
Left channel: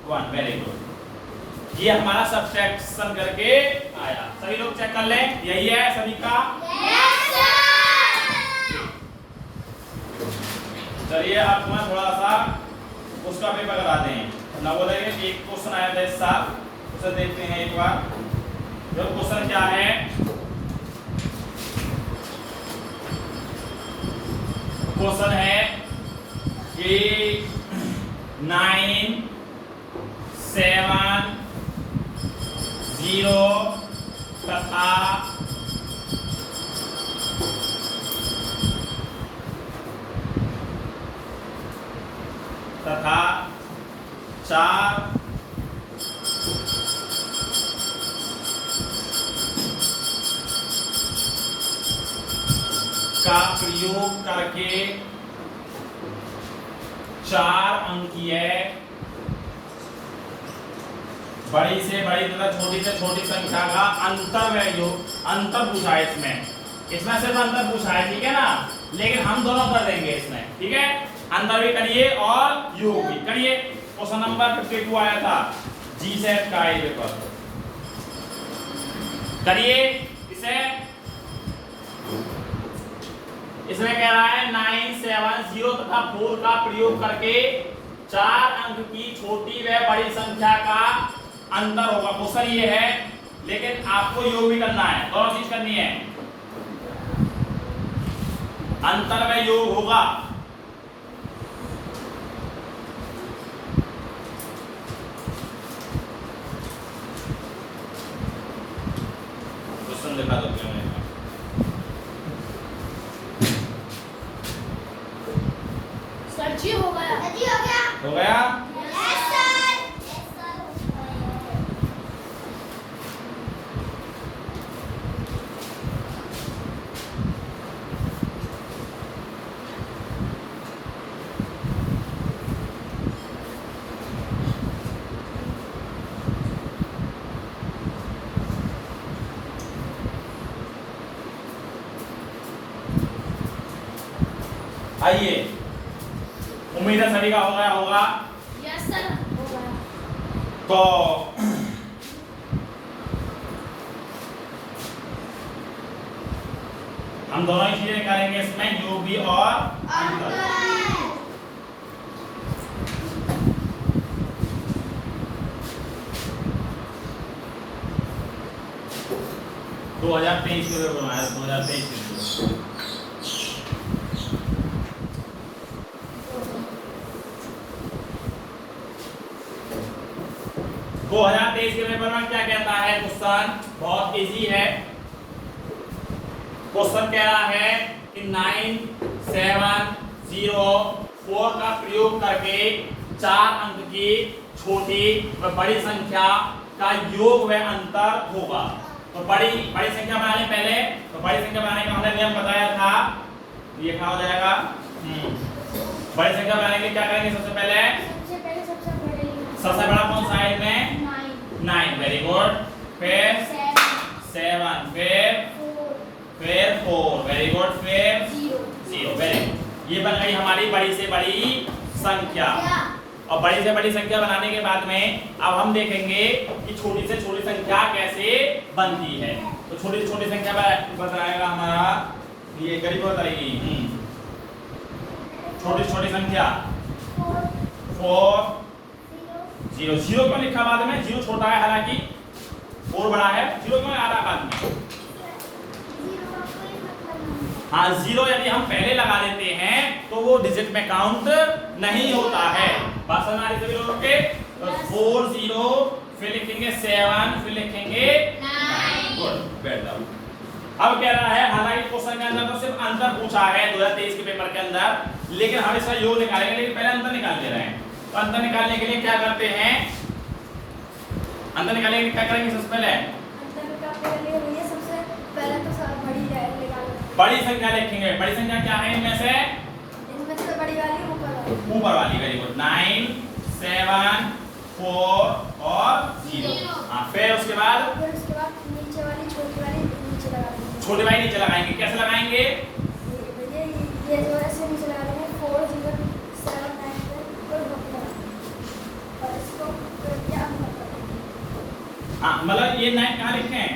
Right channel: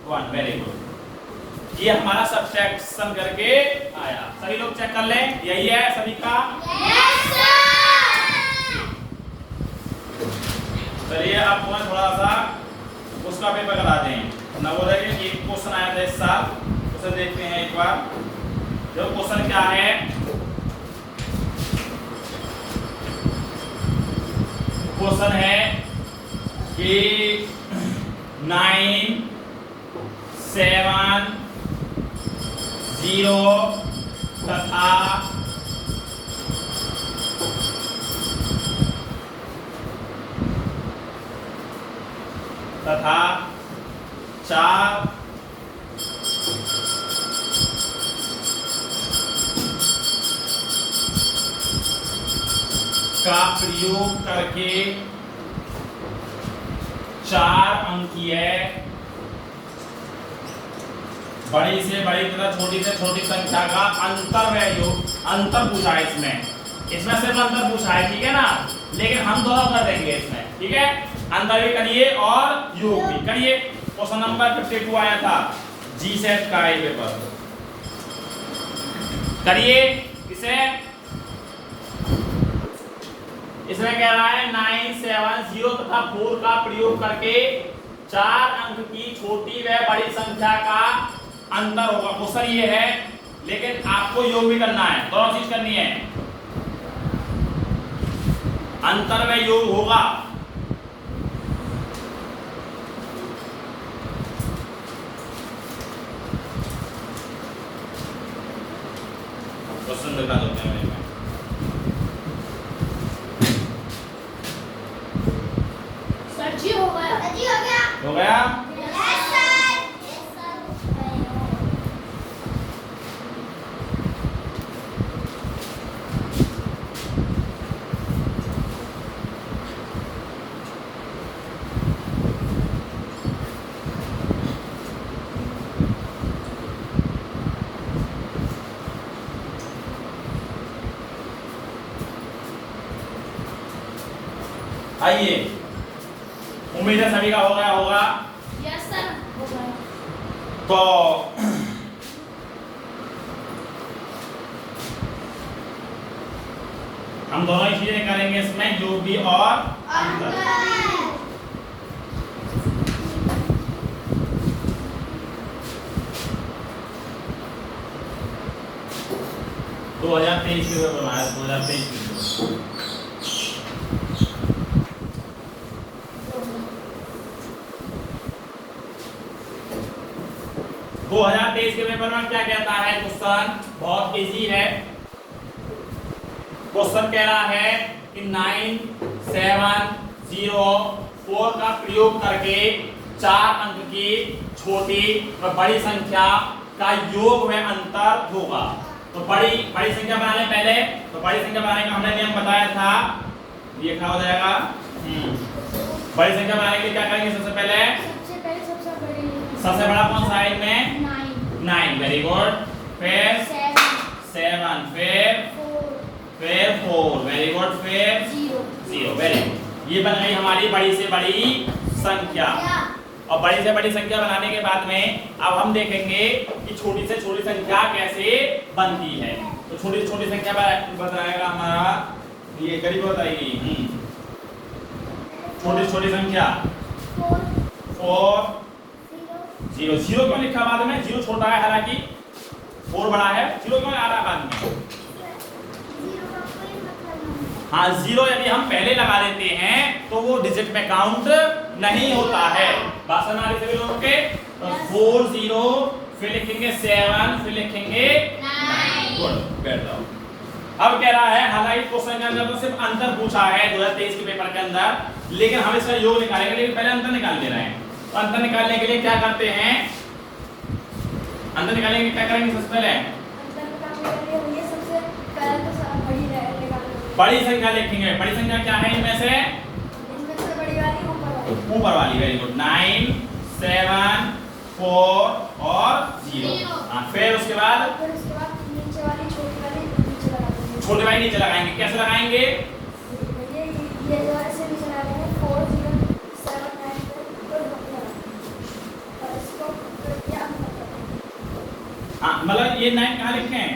1। Very good. ये हमारा सब्ट्रैक्शन करके आया। सभी लोग चेक कर लें, यही है सभी का? चलिए अब तुम्हें थोड़ा सा उसका पेपर करा दें। नवोदय में एक क्वेश्चन आया था इस साल, उसे देखते हैं एक बार। जो क्वेश्चन क्या है? क्वेश्चन है कि 9 7 0 तथा 4 का प्रयोग करके 4 अंकीय बड़ी से बड़ी तथा छोटी से छोटी संख्या का अंतर व योग अंतर पूछा है इसमें सिर्फ अंतर पूछा है, ठीक है ना। लेकिन हम दोनों कर देंगे इसमें, ठीक है। अंतर भी करिए और योग भी करिए। क्वेश्चन नंबर 52 आया था जीसेट का ये पेपर, करिए इसे। इसमें कह रहा है 9, 7, 0 तथा 4 का प्रयोग करके 4 अंक की छोटी व बड़ी संख्या का अंतर होगा। क्वेश्चन ये है, लेकिन आपको योग भी करना है, दोनों चीज करनी है। अंतर में योग होगा। क्वेश्चन दिखा दो क्या मैंने सर जी हो गया, हो गया। आइए, उम्मीद है सभी का हो गया होगा। यस सर हो गया। तो हम दोनों ही चीजें करेंगे इसमें, योग भी और अंतर। 2023 के पेपर बनाया, 2023 के पेपर। 2023 के पेपर में क्या कहता है क्वेश्चन, बहुत इजी है। क्वेश्चन कह रहा है कि 9, 7, 0, 4 का प्रयोग करके 4 अंक की छोटी और बड़ी संख्या का योग व अंतर होगा। तो बड़ी संख्या बनाने पहले, तो बड़ी संख्या बनाने का हमने नियम बताया था, ये क्या हो जाएगा। बड़ी संख्या बनाने के लिए क्या करेंगे, सबसे पहले सबसे बड़ा कौन सा है इनमें, 9, वेरी गुड। फिर 7, फिर 4, वेरी गुड। फिर 0, वेरी गुड। ये बन गई हमारी बड़ी से बड़ी संख्या। और बड़ी से बड़ी संख्या बनाने के बाद में अब हम देखेंगे कि छोटी से छोटी संख्या कैसे बनती है। तो छोटी से छोटी संख्या बताएगा हमारा, ये गरीब बताएगी। छोटी छोटी संख्या 4, 0, 0 क्यों लिखा बाद में, 0 छोटा है हालांकि 4 बड़ा है, 0 क्यों आ रहा है बाद में। हाँ, 0 यदि हम पहले लगा देते हैं तो वो डिजिट में काउंट नहीं होता है। बात समझ आ रही सभी लोगों के। तो 4, 0, फिर लिखेंगे 7, फिर लिखेंगे 9। गुड, बैठ जाओ। अब कह रहा है, हालांकि क्वेश्चन के अंदर तो सिर्फ अंतर पूछा है 2023 के पेपर के अंदर, लेकिन हम इसका योग निकालेंगे, लेकिन पहले अंतर निकाल ले रहे हैं। तो अंतर निकालने के लिए क्या करते हैं, अंतर निकालने के लिए क्या करेंगे, सबसे पहले बड़ी संख्या लिखेंगे। बड़ी संख्या क्या है इनमें से, ऊपर वाली, वेरी गुड। 9, 7, 4 और 0। हाँ, फिर उसके बाद छोटी वाली नीचे लगाएंगे। कैसे लगाएंगे, हाँ, मतलब ये 9 कहाँ लिखते हैं,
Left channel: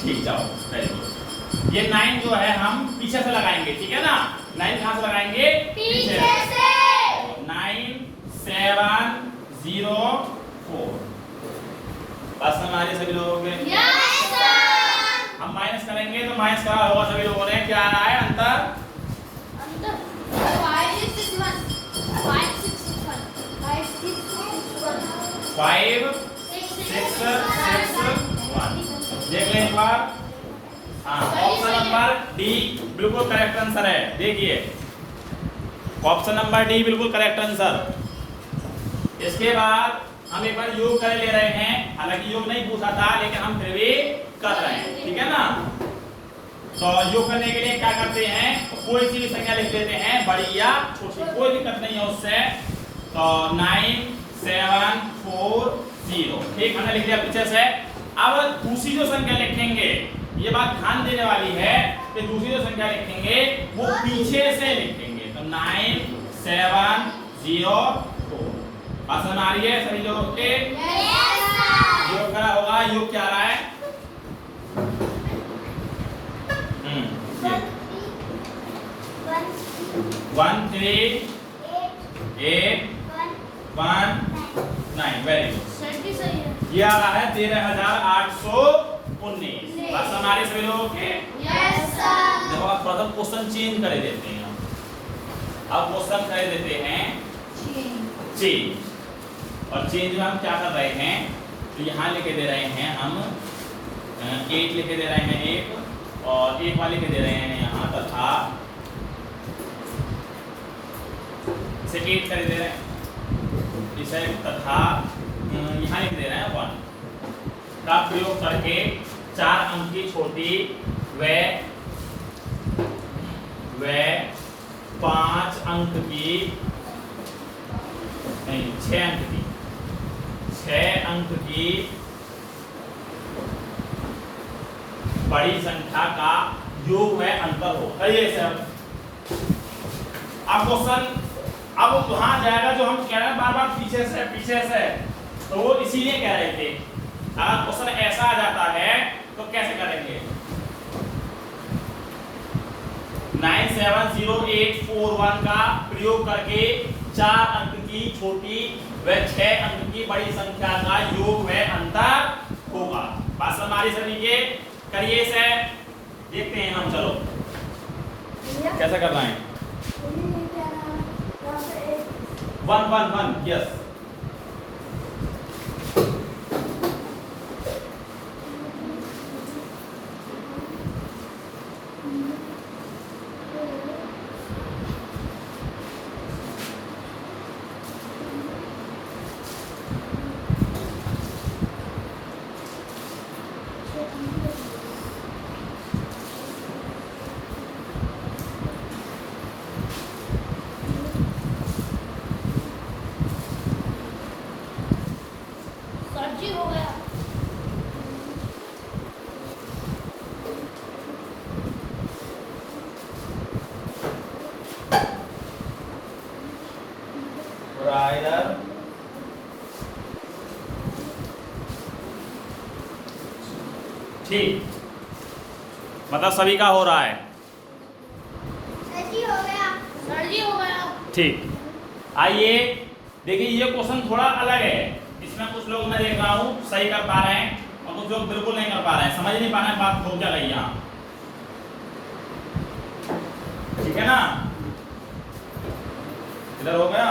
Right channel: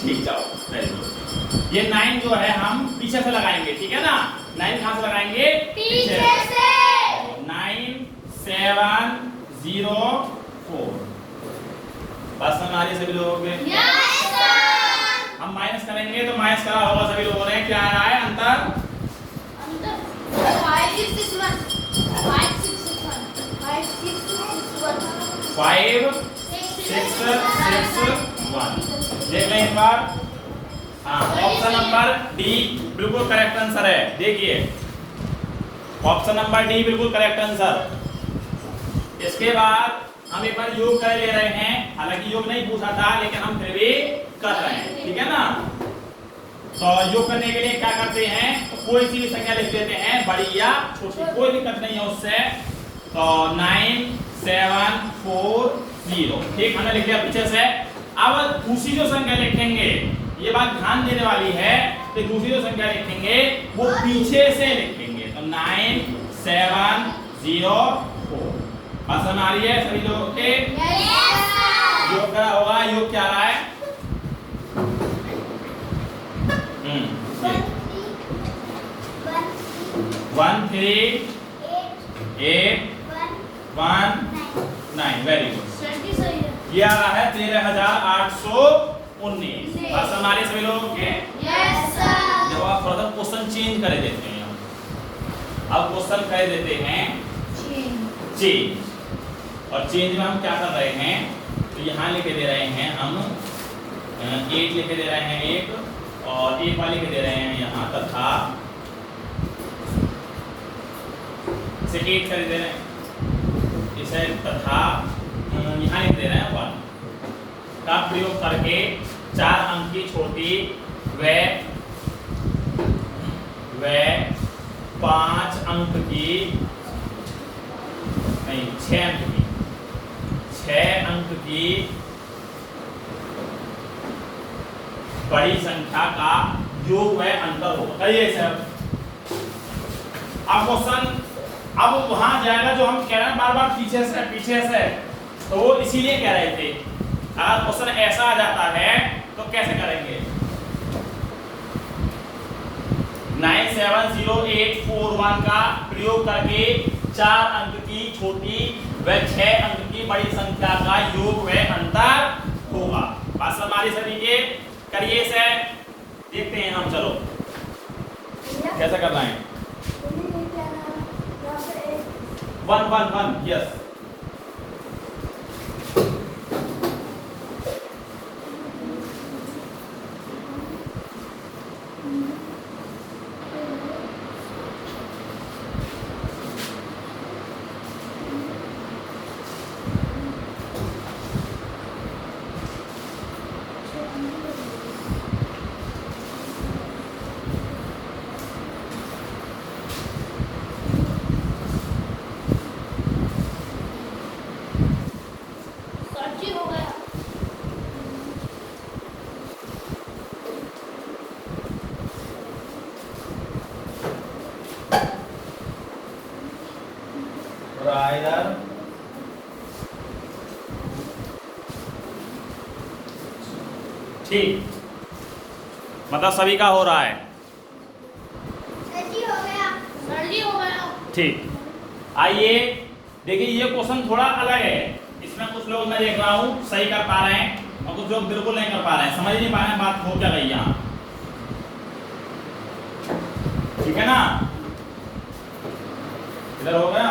ठीक, जाओ, वेरी गुड। ये 9 जो है हम पीछे से लगाएंगे, ठीक है ना। 9 कहाँ से लगाएंगे, पीछे से। 9, 7, 0, 4। बस हमारे सभी लोगों के हम माइनस करेंगे तो माइनस करा होगा सभी लोगों ने। क्या आ रहा है अंतर, 5, 6, 6, 1। देख लें एक बार। हाँ, ऑप्शन नंबर डी बिल्कुल करेक्ट आंसर है। देखिए ऑप्शन नंबर डी बिल्कुल करेक्ट आंसर। इसके बाद हम एक बार योग कर ले रहे हैं, हालांकि योग नहीं पूछा था लेकिन हम फिर भी कर रहे हैं, ठीक है ना। तो योग करने के लिए क्या करते हैं, तो कोई सी भी संख्या लिख लेते हैं, बड़ी या छोटी, कोई दिक्कत नहीं है उससे। तो 9 7 4 0, ठीक, हमने लिख दिया पीछे से। अब दूसरी जो संख्या लिखेंगे, ये बात ध्यान देने वाली है, तो दूसरी जो संख्या लिखेंगे वो पीछे से लिखेंगे। तो 9 7 0 4, आसान आ रही है सभी लोगों के? योग करा होगा, योग क्या रहा है? 1 3 8 1 9, वेरी गुड। ये आ रहा है 13,819। बात हमारे सभी लोगों के? देखो आप थोड़ा सा क्वेश्चन चेंज कर देते हैं, अब क्वेश्चन कर देते हैं चेंज। और चेंज में हम क्या कर रहे हैं, तो यहाँ लिखे दे रहे हैं हम 8 लिखे दे रहे हैं 1, और 1 वाले लिखे दे रहे हैं यहाँ, तथा इसे 8 कर दे रहे हैं इसे, तथा यहाँ लिख दे रहे हैं 1 का प्रयोग करके 4 अंक की छोटी व 5 अंक की, नहीं 6 अंक की, 6 अंक की बड़ी संख्या का योग व अंतर हो। कहिए सर, अब क्वेश्चन अब वहां जाएगा जो हम कह रहे हैं बार बार पीछे से, तो वो इसीलिए कह रहे थे। अगर क्वेश्चन ऐसा आ जाता है तो कैसे करेंगे? 97084 का प्रयोग करके 4 अंक की छोटी व 6 अंक की बड़ी संख्या का योग व अंतर होगा। बात हमारी सभी के करिए से देखते हैं हम, चलो कैसा करना है। 1 1 1, यस। ठीक, मतलब सभी का हो रहा है। ठीक, आइए देखिए, ये क्वेश्चन थोड़ा अलग है। इसमें कुछ लोग मैं देख रहा हूँ सही कर पा रहे हैं और कुछ लोग बिल्कुल नहीं कर पा रहे हैं, समझ नहीं पा रहे हैं बात हो क्या गई यहाँ, ठीक है ना। इधर हो गया,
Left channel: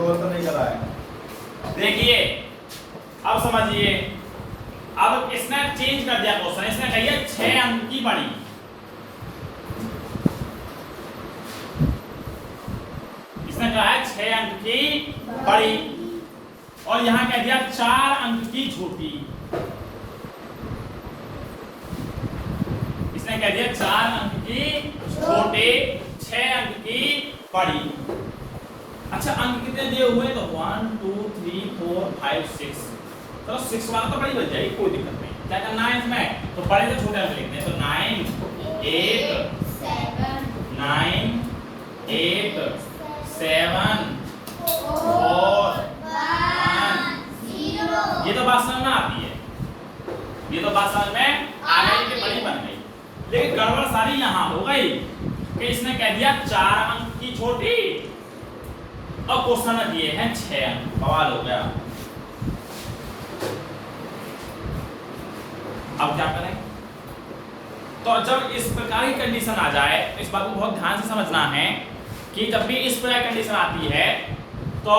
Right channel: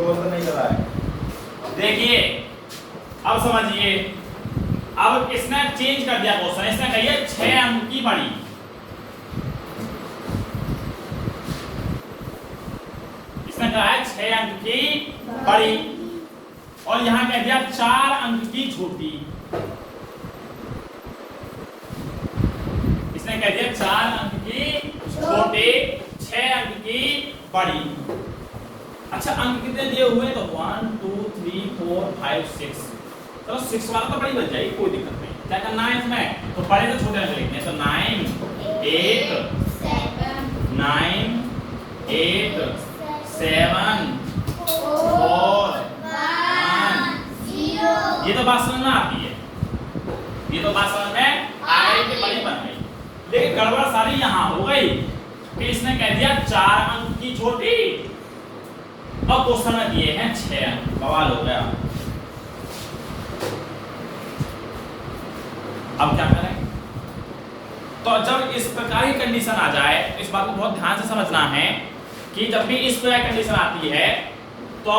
तो नहीं कर रहा है। देखिए अब समझिए, अब इसने चेंज कर दिया क्वेश्चन, इसने कही 6 अंक की बड़ी, इसने कहा है 6 अंक की बड़ी, और यहां कह दिया 4 अंक की छोटी, इसने कह दिया 4 अंक की छोटी 6 अंक की बड़ी। अच्छा, अंक कितने दिए हुए, तो 1 2 3 4 5 6, तो 6 वाला तो बड़ी बन जाएगी, कोई दिक्कत नहीं। क्या करना है इसमें, तो बड़े से छोटे अंक लिखते हैं। तो 9 8 9 8 7 4 1 0। ये तो बात समझ में आती है, ये तो बात समझ में आ गई कि बड़ी बन गई, लेकिन गड़बड़ सारी यहाँ हो गई कि इसने कह दिया 4 अंक की छोटी और क्वेश्चन दिए हैं 6 अंक, बवाल हो गया। अब क्या करें, तो जब इस प्रकार की कंडीशन आ जाए, इस बात को बहुत ध्यान से समझना है कि जब भी इस प्रकार की कंडीशन आती है तो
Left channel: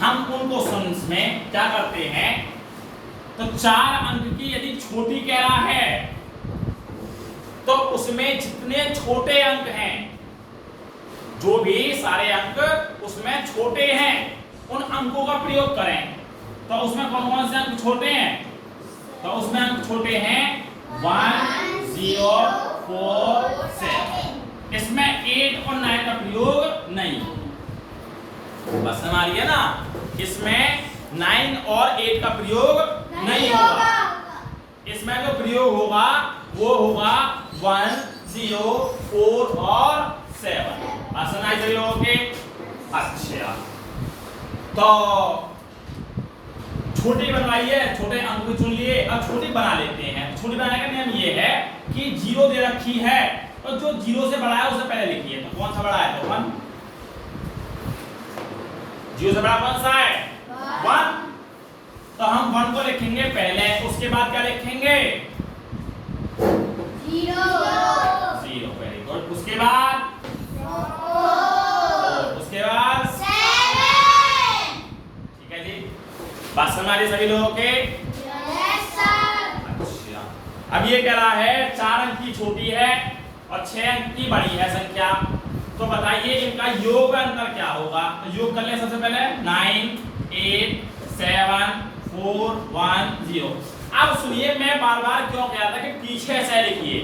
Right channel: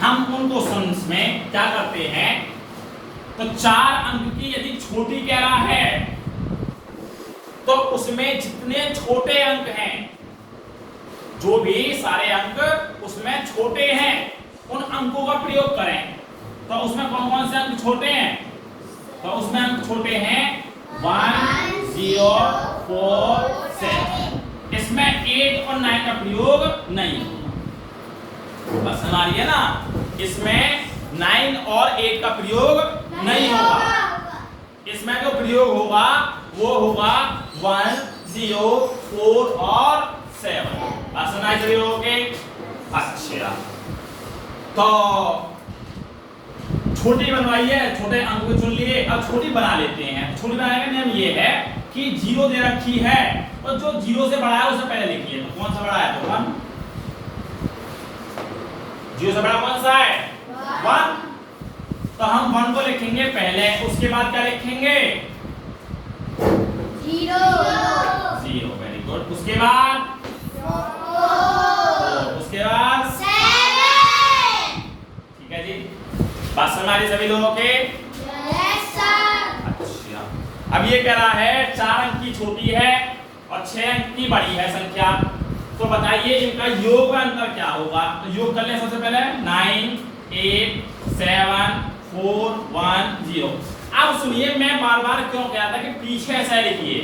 हम उन क्वेश्चंस में क्या करते हैं, तो 4 अंक की यदि छोटी कह रहा है तो उसमें जितने छोटे अंक हैं, जो भी सारे अंक उसमें छोटे हैं, उन अंकों का प्रयोग करें। तो उसमें कौन कौन से अंक छोटे हैं? तो उसमें अंक छोटे हैं 1 0 4 7। इसमें 8 और 9 का प्रयोग नहीं। बस समझ आ रही है ना? इसमें 9 और 8 का प्रयोग नहीं होगा। इसमें जो प्रयोग होगा वो होगा 1 0 4 और 7। समझ रही होगे? अच्छा, तो छोटी बनवाई है, छोटे अंक को चुन लिए, अब छोटी बना लेते हैं। छोटी बनाने का नियम ये है कि 0 दे रखी है और जो 0 से बड़ा है उसे पहले लिखिए। तो कौन सा बड़ा है? तो 1। 0 से बड़ा कौन सा है? 1। तो हम 1 को लिखेंगे पहले, उसके बाद क्या लिखेंगे? 0। Very good. उसके बाद 4, उसके बाद 7। ठीक है जी, बात समझ आ रही सभी लोगों के? Yes sir. अच्छा, अब ये कह रहा है 4 अंक की छोटी है और 6 अंक की बड़ी है संख्या। तो बताइए इनका योग का अंतर क्या होगा? तो योग कर ले सबसे पहले। 9 8 7 4 1 0। अब सुनिए, मैं बार बार क्यों कहता था कि पीछे से लिखिए।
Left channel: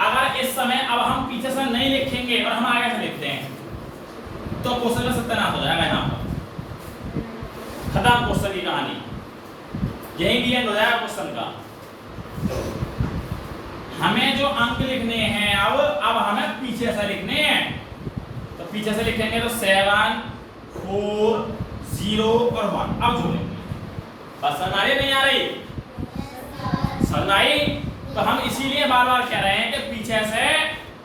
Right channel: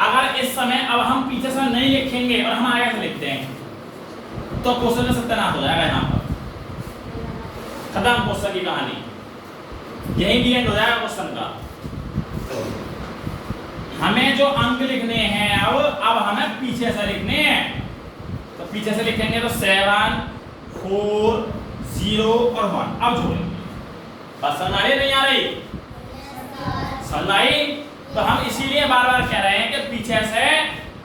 अगर इस समय अब हम पीछे से नहीं लिखेंगे और हम आगे से लिखते हैं तो क्वेश्चन में सत्यानाश हो जाएगा। यहाँ पर खत्म क्वेश्चन की कहानी, यही भी एंड हो जाएगा क्वेश्चन का। हमें जो अंक लिखने हैं अब हमें पीछे से लिखने हैं। तो पीछे से लिखेंगे तो 7 4 0 और 1। अब जोड़ेंगे। बस समझ आ रही नहीं आ रही? समझ आई? तो हम इसीलिए बार बार कह रहे हैं कि पीछे से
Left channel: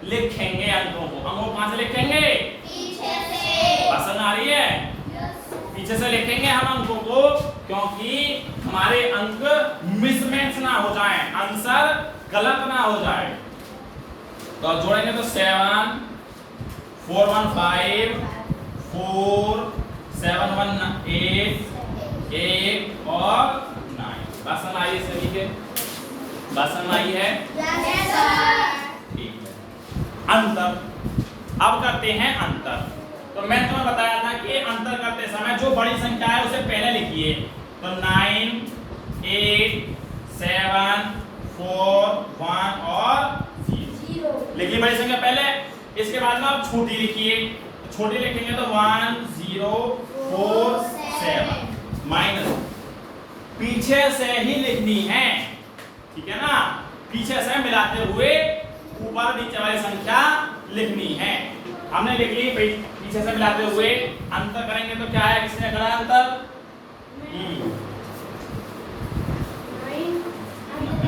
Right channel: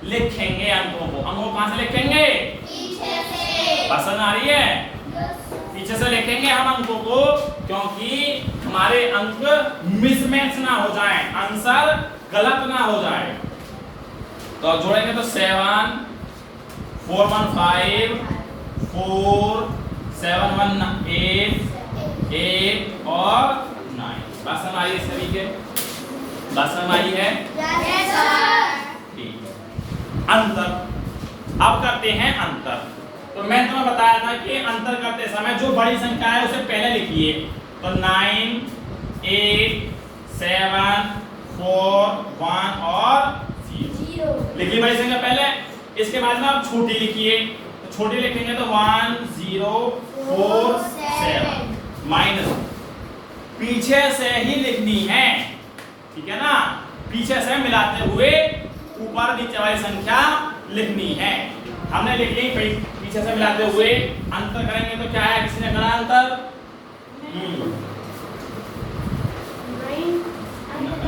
लिखेंगे अंकों को। अंकों को कहां से लिखेंगे? पीछे से। बस समझ आ रही है? पीछे से लिखेंगे हम अंकों को, क्योंकि हमारे अंक मिसमैच ना हो जाए, आंसर गलत ना हो जाए। तो अब जोड़ेंगे तो 7 4 1 5 4 7 1 8 8 और 9। बात समझ आई सभी के? बात समझ आई है? Yes sir. ठीक है। अंतर, अब करते हैं अंतर। तो मैं तुम्हें बताया था कि अंतर करते समय जो बड़ी संख्या है उसे पहले लिखिए। तो 9 8 7 4 1 और 0 लिखिए बड़ी संख्या पहले। इसके बाद में आप छोटी लिखिए। छोटी लिखेंगे तो 1 0 4 7 माइनस पीछे से ही लिखनी है, ठीक है ना? पीछे से मिलाते हुए ऊपर नीचे वाली संख्या लिखनी है। हमने लिख ली, पीछे से मिलाते हुए अंतर करेंगे तो क्या है? किसी ने करा अंतर?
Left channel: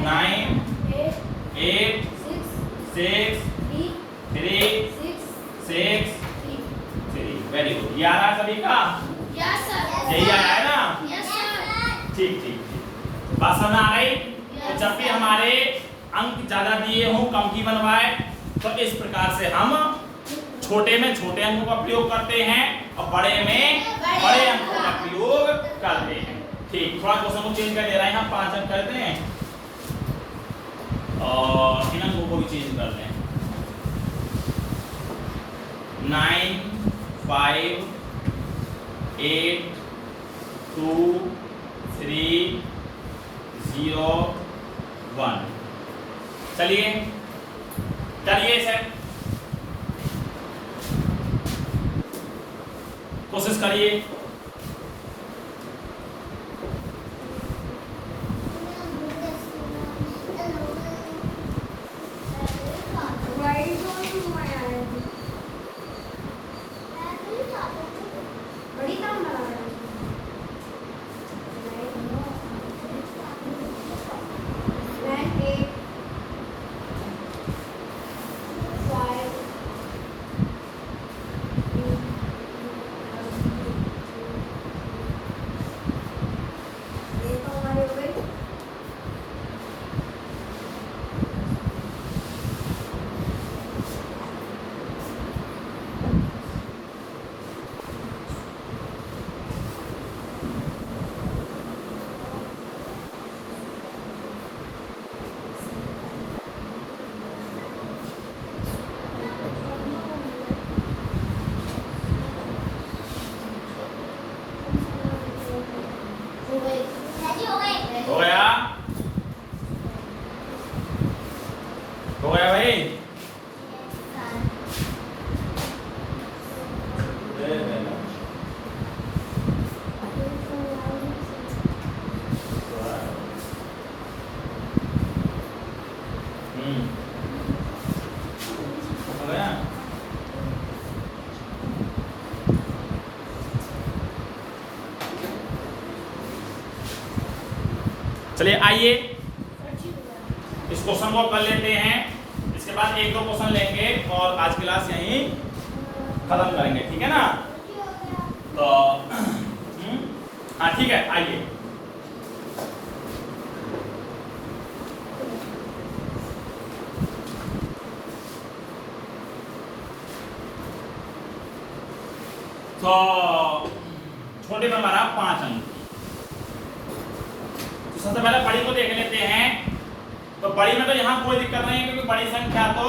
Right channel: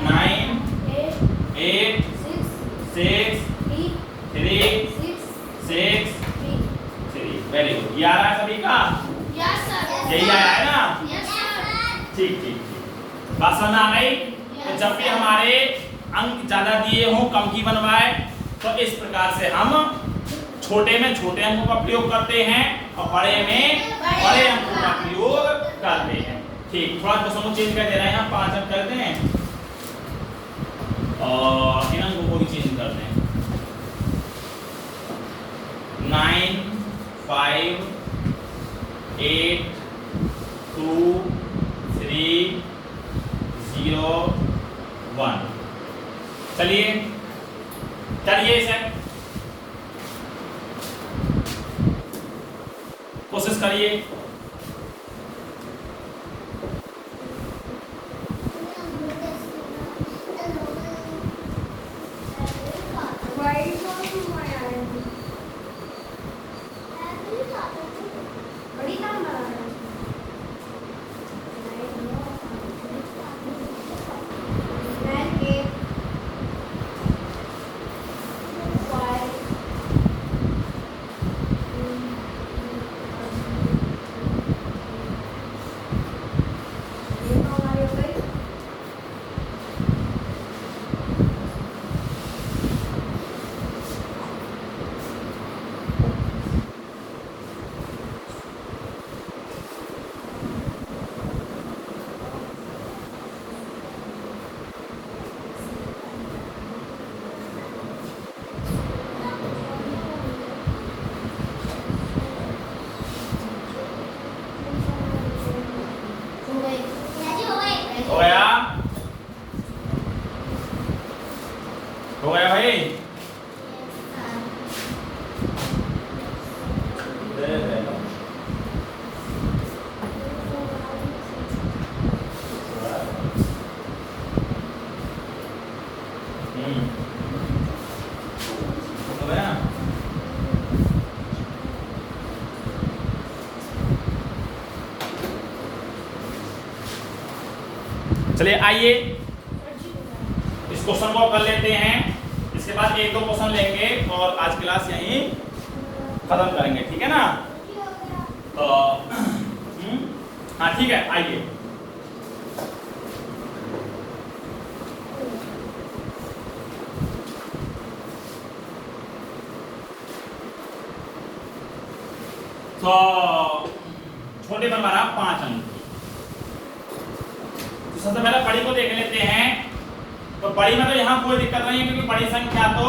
9 8 6 3 6 3। Very good. ये आ रहा है सभी का? Yes sir. यही आया है ना? Yes sir. ठीक ठीक। बात समझ आ गई? तो जब भी हमारे अंक ज्यादा दिए हों, कम की बनवाए, तो इस प्रकार से हम छोटे में छोटे अंकों का प्रयोग करते हैं और बड़े में बड़े अंकों का प्रयोग करते हैं। ठीक, थोड़ा क्वेश्चन चेंज कर दे रहे हैं हम। 5 अंक करते हैं और इन अंकों को भी चेंज करते हैं। 9 5 8 2 3 0 1। चलिए करिए इसे, कोशिश करिए। चलिए आइए इस क्वेश्चन को कर लेते हैं, इसके बाद एक दो क्वेश्चन लेंगे और आज क्लास यहीं खत्म करेंगे, ठीक है ना। तो हाँ ठीक है, आइए। तो छोटे में हमारा 5 अंक। तो सबसे पहले बड़ी को देख लेते हैं। तो बड़ी में तो यहाँ कोई दिक्कत नहीं है, क्योंकि बड़ी संख्या तो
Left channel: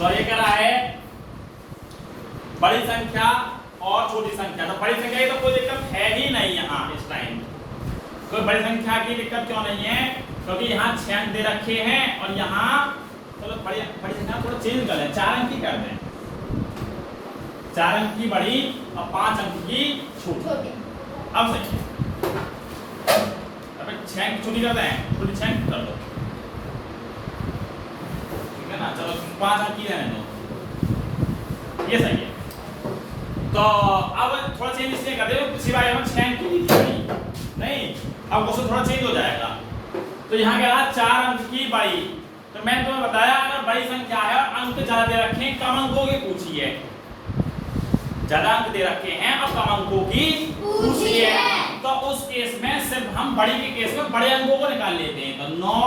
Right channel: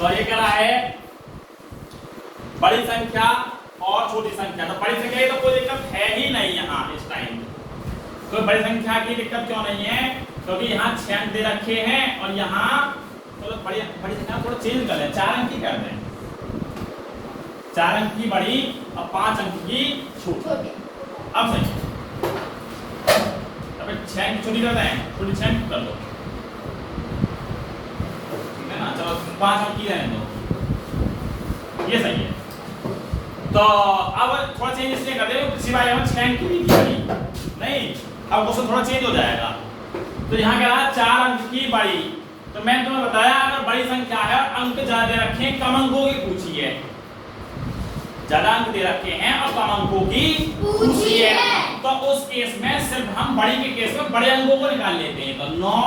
तो ये क्या है, बड़ी संख्या और छोटी संख्या। तो बड़ी संख्या की तो कोई दिक्कत है ही नहीं यहाँ इस टाइम। तो बड़ी संख्या की दिक्कत क्यों नहीं है, क्योंकि यहाँ 6 अंक दे रखे हैं और यहाँ चलो बड़ी संख्या थोड़ा चेंज कर लें, 4 अंक की कर दें। 4 अंक की बड़ी और 5 अंक की छोटी। अब सही, अब 6 अंक छोटी करते हैं, छोटी 6 अंक कर दो, ठीक है ना। चलो 5 अंक की रहने दो, ये सही है। तो अब थोड़ा चेंज इसलिए कर दे, किसी बार हम 6 अंक की नहीं, अब क्वेश्चन थोड़ा चेंज हो जाएगा। तो यहाँ क्या रहा, 4 अंक की बड़ी। तो मैंने तुम्हें बताया अगर बड़ी संख्या है, अंक ज्यादा दे रखे हैं, कम अंकों की पूछी है। ज्यादा अंक दे रखे हैं और कम अंकों की पूछी है, तो उस केस में सिर्फ हम बड़ी के केस में बड़े अंकों को निकाल लेते हैं। तो 9